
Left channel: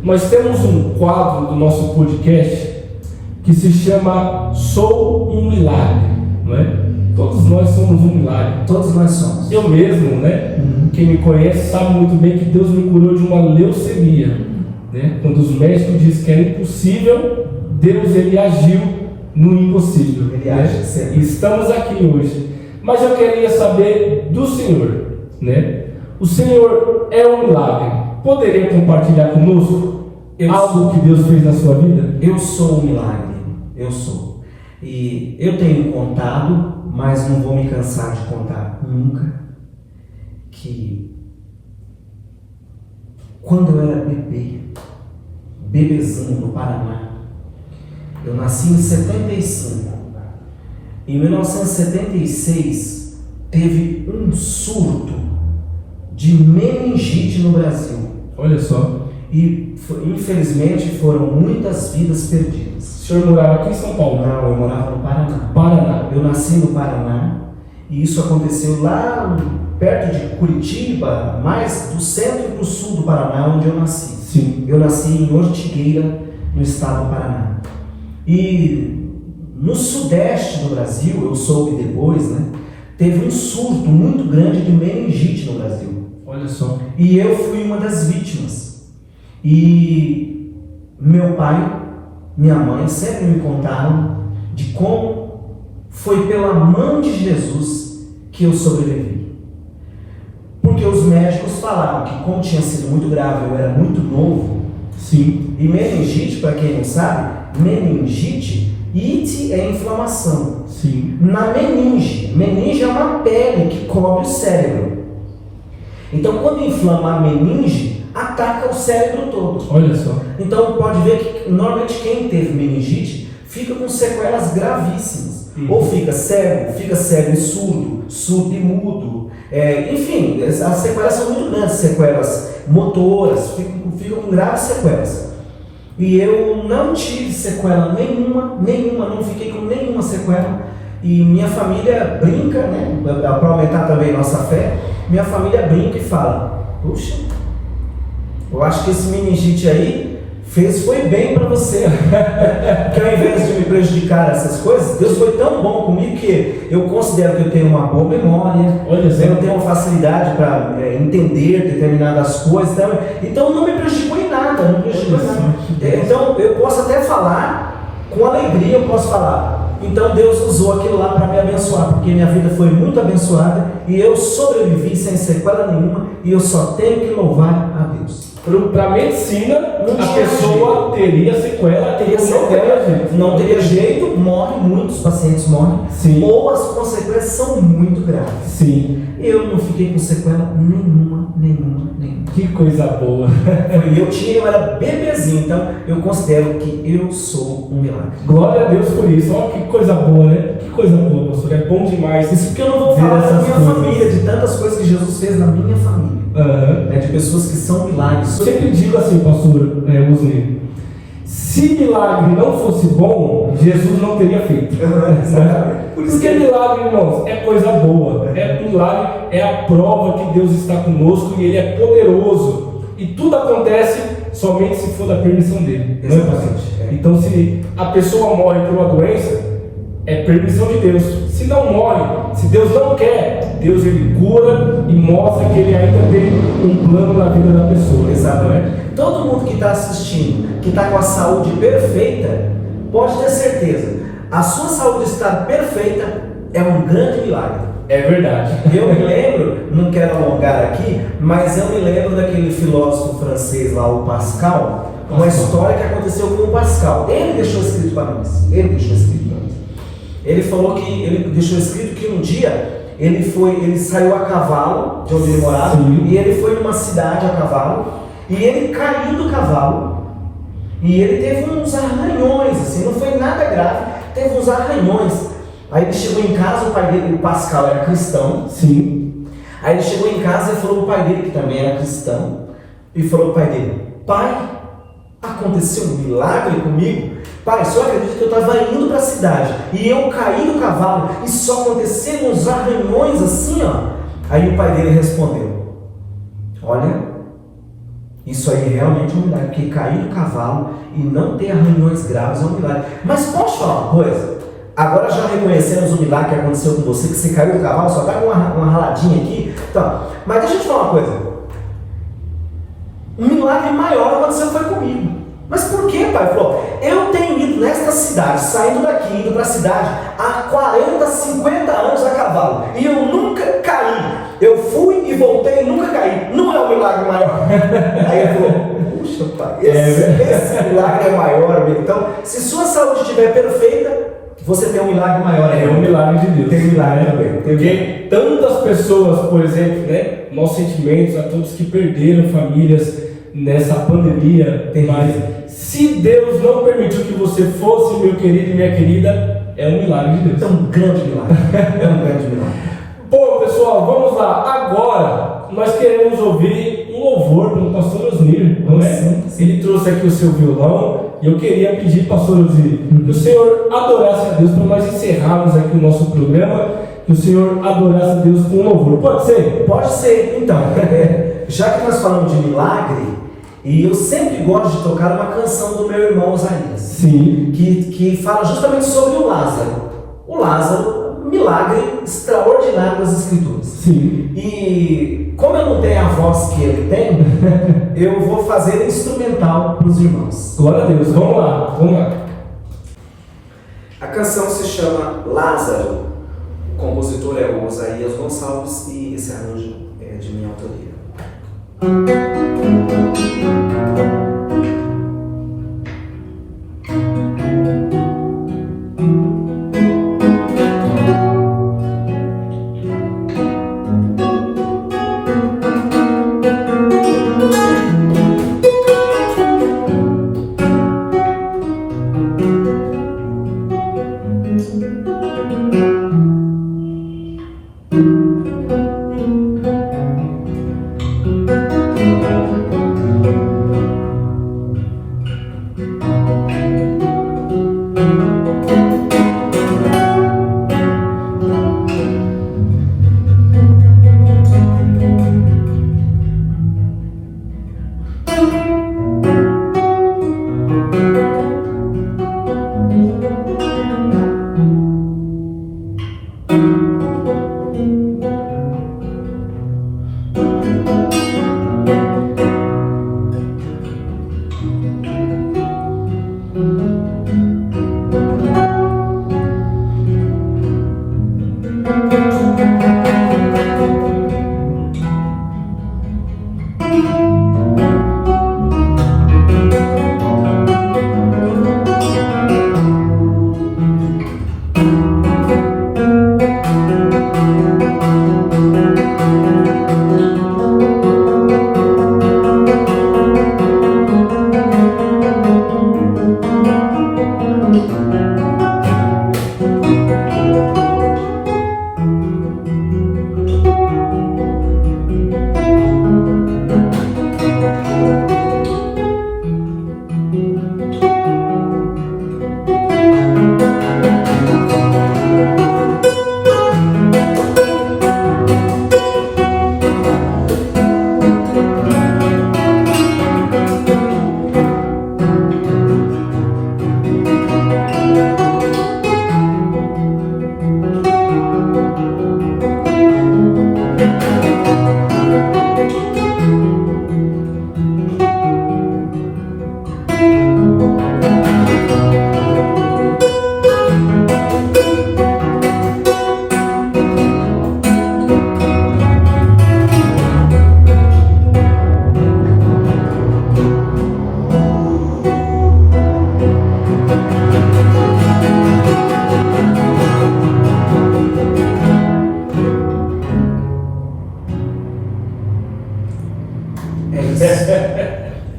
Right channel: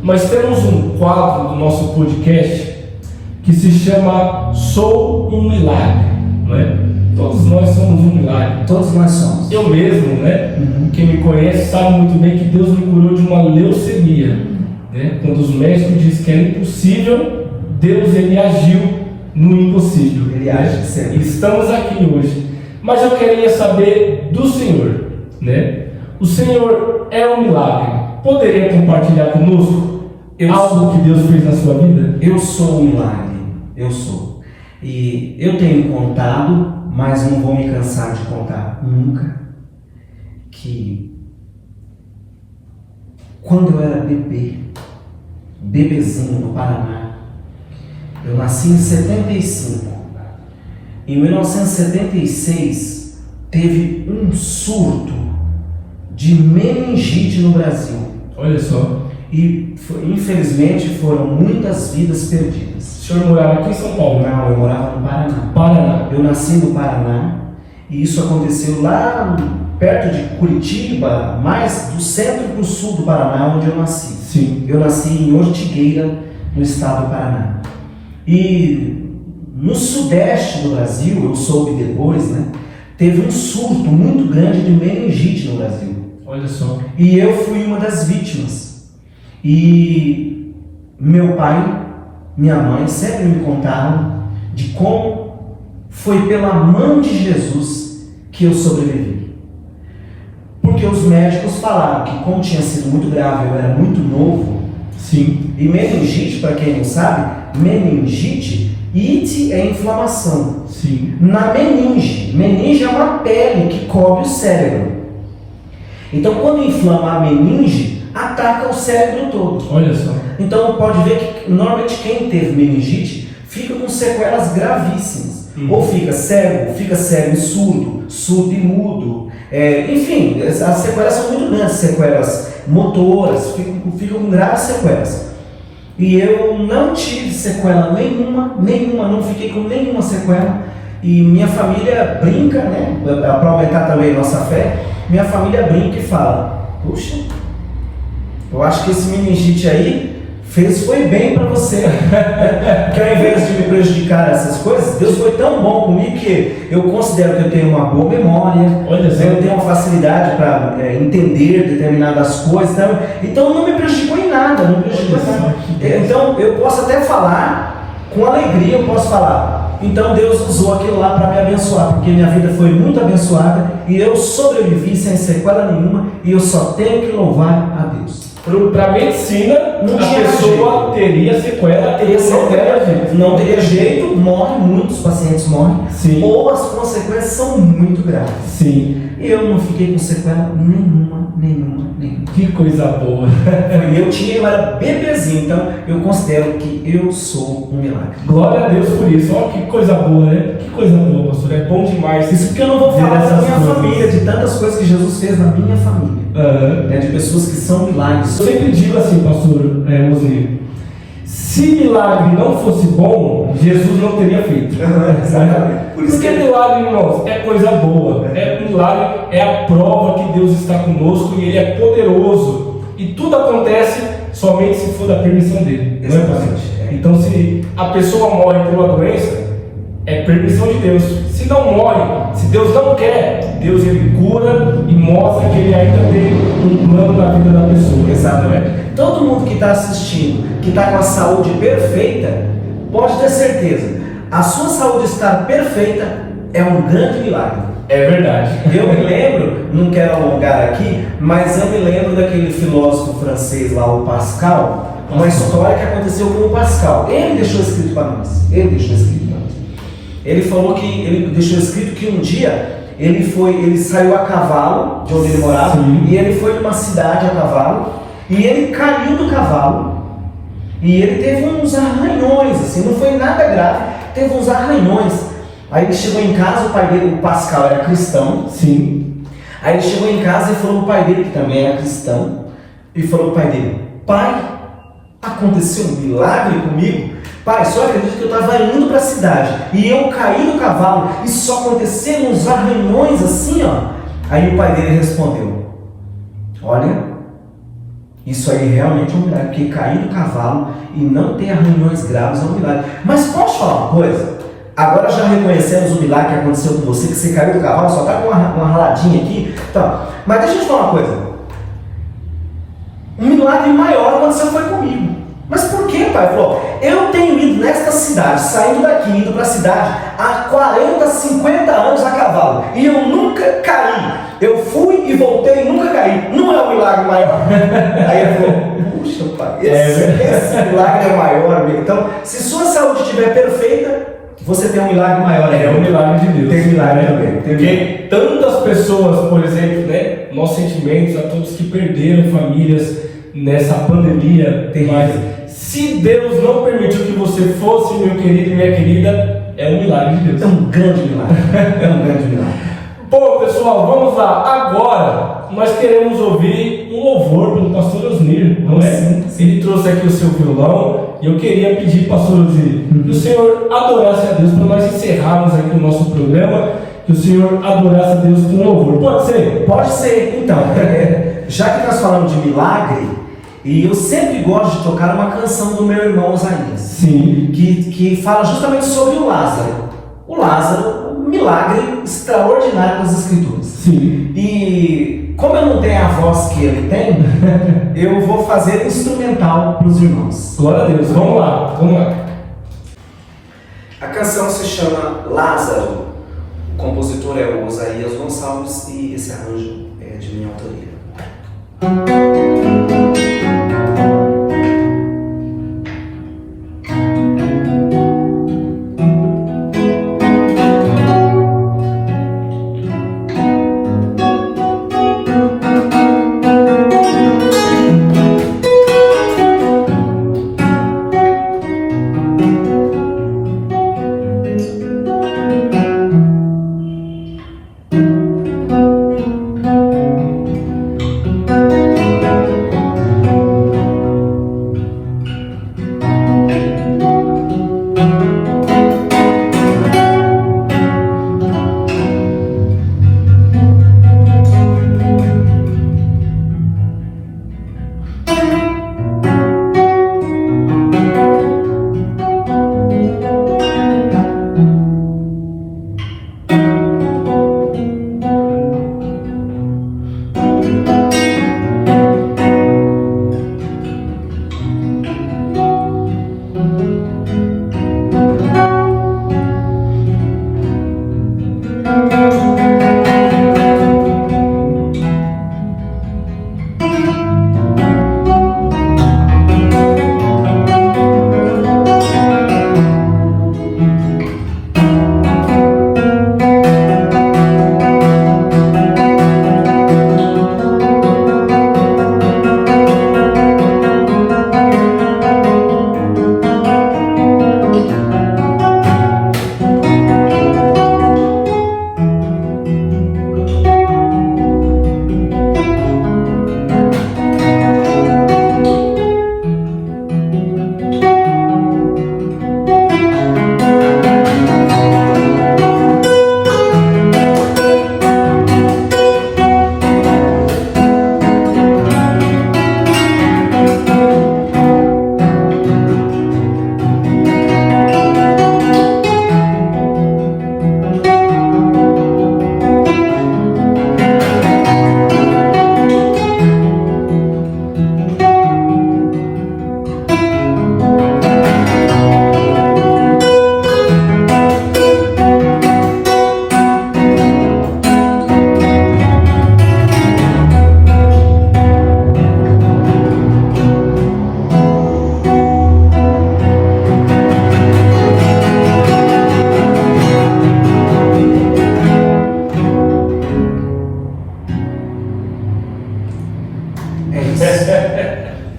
nós temos um quadro do nosso podcast que se chama Sou um Milagre, não é? Todos nós somos um milagre. Todos nós somos. Eu mesmo, né? Quem me conhece sabe muito bem que Deus me curou de uma leucemia, né? Quando os médicos dizem que era impossível, Deus ele agiu no impossível. Ele age sempre. Estamos aqui hoje. Mas eu queria saber do Senhor, né? O Senhor é um milagre. Poderia compartilhar conosco algo que Deus fez na sua vida? Eu sou um milagre. Eu sou. E eu tenho contado, mas não vou me cansar de contar nunca, que quando eu era bebezinho no Paraná, eu nasci em 75. Em 1976 teve um surto de meningite no Brasil. Olha só. E infelizmente foram muitas vidas perdidas. O senhor morava aqui em São Paulo? Não, eu morava no Paraná. Paraná. Eu nasci no Paraná e isso aconteceu lá perto de Curitiba, mais do centro para o sul do Paraná, onde eu nasci. Sim. Eu nasci em Ortigueira, no estado do Paraná. E no sudeste do Brasil, eu soube depois, né? Teve um surto muito grande de meningite no Brasil. Olha só. E eu fui uma das vítimas. E meu pai, minha mãe sempre me contaram de como foi pela mão de Jesus que eu sobrevivi. Porque os médicos falaram que, como tinha sido muito grave, eu era muito novo. Sim. E meningite, para quem não sabe, meningite, ite é inflamação. Sim. Na meninge é uma pele que cobre o cérebro. Então, quando inflama a meninge, ataca o cérebro todo. Olha só. Então, pode ver que normalmente quem teve meningite fica com sequelas gravíssimas. Ou fica cego e surdo e mudo. Enfim, as sequelas são muito grandes, sequelas motoras, ficam com graves sequelas. E eu não tive sequela nenhuma, não fiquei com nenhuma sequela. E minha família brinca, né, para aumentar também nossa fé, minha família brinca e fala: puxa, eu acho que esse meningite aí foi bem para você. Que ao invés de me prejudicar essas coisas, Deus foi tão bom comigo que eu considero que eu tenho uma boa memória. Olha só. Eu tenho uma facilidade para entender determinadas coisas. Então não me prejudicou em nada, não me prejudicou em nada. Então eu posso até falar com alegria, eu posso falar: então Deus usou aquilo lá para me abençoar, porque minha vida foi muito abençoada e eu sobrevivi sem sequela nenhuma, e eu só tenho que louvar a Deus. Para a medicina, Não a tinha pessoa teria sequela, não teria jeito, muitos pacientes morrem. Sim. Ou as consequências são muito graves. Sim. Eu não fiquei com sequela nenhuma. Que coisa boa. Eu era bebezinho, então eu considero que eu sou um milagre. Glória a Deus por isso. Olha que coisa boa, né? Que coisa boa, pastor. É bom demais. Isso porque eu não vou falar da minha família, de tantas coisas que Jesus fez na minha família. De pessoas que são milagres. Eu sempre digo assim, pastor Mozinho, se milagre não fosse bom, Jesus não teria feito. Exatamente. Porque milagre, irmãos, é coisa boa. Milagre é a prova que Deus está conosco e Ele é poderoso. E tudo acontece somente se for da permissão dele. Não é, pastor? Então, se a pessoa morre por uma doença, é permissão de Deus. Se não morre, se Deus não quer, Deus ele cura e mostra que Ele ainda tem um plano na vida da pessoa. Exatamente. Todo mundo que está assistindo, que está com a saúde perfeita, pode ter certeza, a sua saúde estar perfeita é um grande milagre. É verdade. Eu me lembro, não quero alongar aqui, mas eu me lembro daquele filósofo francês lá, o Pascal, uma história que aconteceu com o Pascal. Ele deixou escrito para nós. Ele falou que ele deixou escrito que um dia ele saiu a cavalo de onde ele morava. Sim. E ele foi numa cidade a cavalo e ele caiu do cavalo e ele teve uns arranhões, assim, não foi nada grave, teve uns arranhões. Aí ele chegou em casa, o pai dele, o Pascal, era cristão. Sim. Aí ele chegou em casa e falou pro pai dele, que também era cristão, e falou pro pai dele: pai, aconteceu um milagre comigo. Pai, só acredita que eu estava indo para a cidade e eu caí do cavalo e só aconteceram uns arranhões assim, ó. Aí o pai dele respondeu: olha, isso aí realmente é um milagre, porque cair do cavalo e não ter arranhões graves é um milagre. Mas posso falar uma coisa? Agora já reconhecemos o milagre que aconteceu com você, que você caiu do cavalo, só está com uma raladinha aqui. Então, mas deixa eu te falar uma coisa. Um milagre maior aconteceu foi comigo. pai, falou: eu tenho ido nesta cidade, saindo daqui, indo para a cidade, há 40, 50 anos a cavalo, e eu nunca caí. Eu fui e voltei e nunca caí. Não é um milagre maior? Aí ele falou: puxa, pai, esse milagre é maior, amigo. Então, se sua saúde estiver perfeita, você tem um milagre maior ainda. É um milagre de Deus. Tem milagre também. Porque tantas pessoas, por exemplo, né? Nossos sentimentos a todos que perderam famílias nessa pandemia. Mas se Deus não permitiu que você fosse, meu querido e minha querida, é um milagre de Deus. É um grande milagre. É um grande milagre. Bom, pessoal, vamos lá. Agora nós queremos ouvir um louvor pelo pastor Osnir, não é? Sim. Ele trouxe aqui o seu violão e eu queria pedir, pastor Osnir, que o senhor adorasse a Deus para nós encerrarmos aqui o nosso programa, que o senhor adorasse a Deus com louvor. Pode ser? Pode ser. Então, já que nós falamos de milagre, e eu sempre gosto de tocar uma canção do meu irmão Osaías. Sim. Que fala justamente sobre o Lázaro. O Lázaro, um milagre extraordinário das Escrituras. Sim. E como eu não tenho a voz que ele tem, eu vou fazer instrumental para os irmãos. Glória a Deus. Vamos lá, vamos lá. A canção se chama Lázaro. O compositor é o Osaías Gonçalves e esse arranjo é de minha autoria.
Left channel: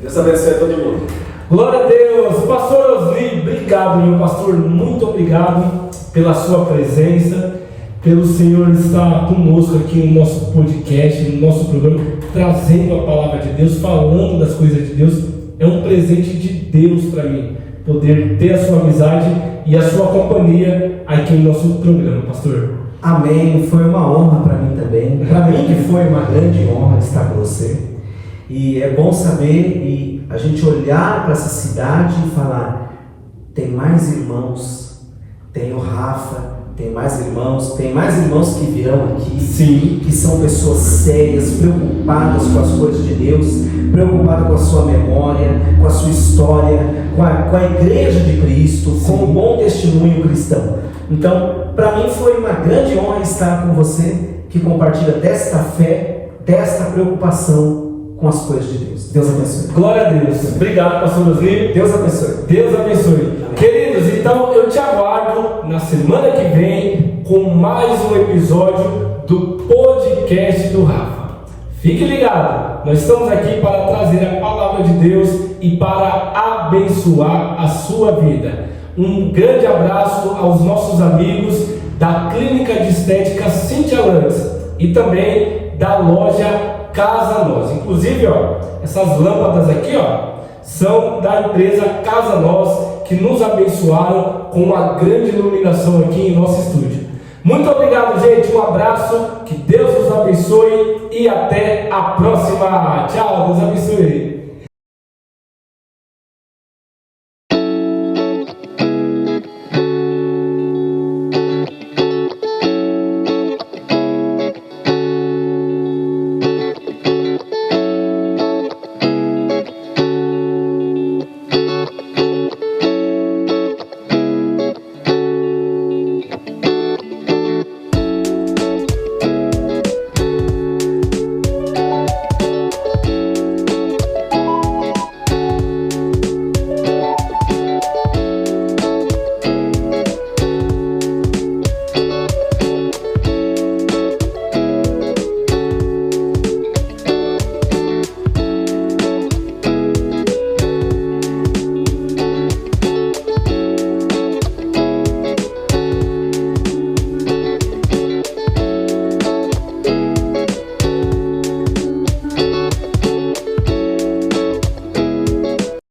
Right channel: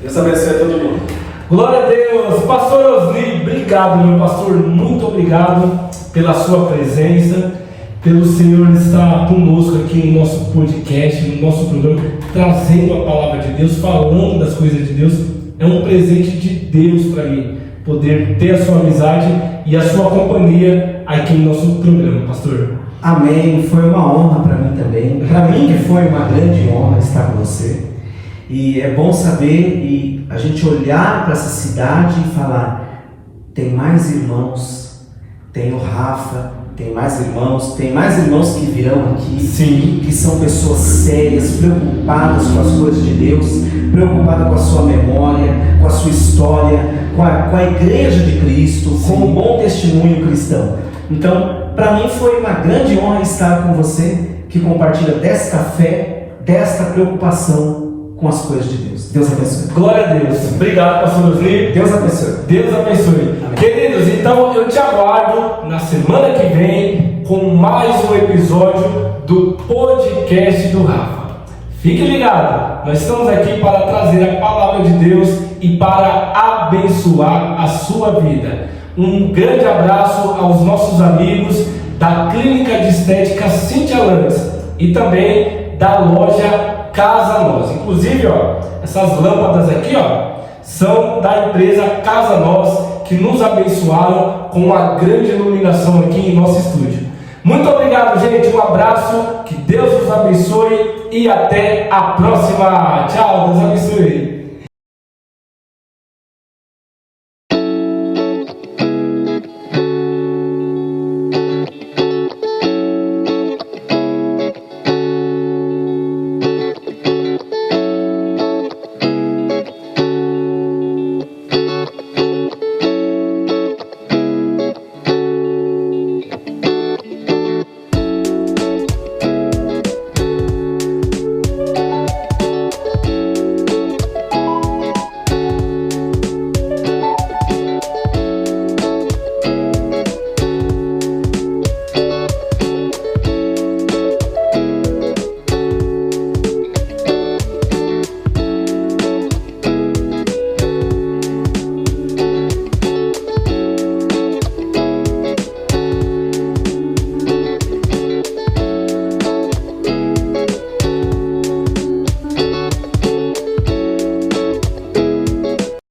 Deus abençoe todo mundo. Glória a Deus. Pastor Osni, obrigado, meu pastor. Muito obrigado pela sua presença, pelo Senhor estar conosco aqui no nosso podcast, no nosso programa, trazendo a palavra de Deus, falando das coisas de Deus. É um presente de Deus para mim, poder ter a sua amizade e a sua companhia aqui no nosso programa, pastor. Amém. Foi uma honra para mim também. Para mim que foi uma grande honra estar com você. E é bom saber e a gente olhar para essa cidade e falar: tem mais irmãos, tem o Rafa, tem mais irmãos que virão aqui. Sim. Que são pessoas sérias, preocupadas com as coisas de Deus, preocupadas com a sua memória, com a sua história, com a igreja de Cristo, com um bom testemunho cristão. Então, para mim foi uma grande honra estar com você, que compartilha desta fé, desta preocupação com as coisas de Deus. Deus abençoe. Glória a Deus. Obrigado, pastor Osni. Deus abençoe. Deus abençoe. Amém. Queridos, então eu te aguardo na semana que vem com mais um episódio do podcast do Rafa. Fique ligado, nós estamos aqui para trazer a palavra de Deus e para abençoar a sua vida. Um grande abraço aos nossos amigos da Clínica de Estética Cíntia Lanz e também da loja Casa Nós. Inclusive, essas lâmpadas aqui, são da empresa Casa Nós, que nos abençoaram com uma grande iluminação aqui em nosso estúdio. Muito obrigado, gente. Um abraço, que Deus os abençoe e até a próxima. Tchau, Deus abençoe.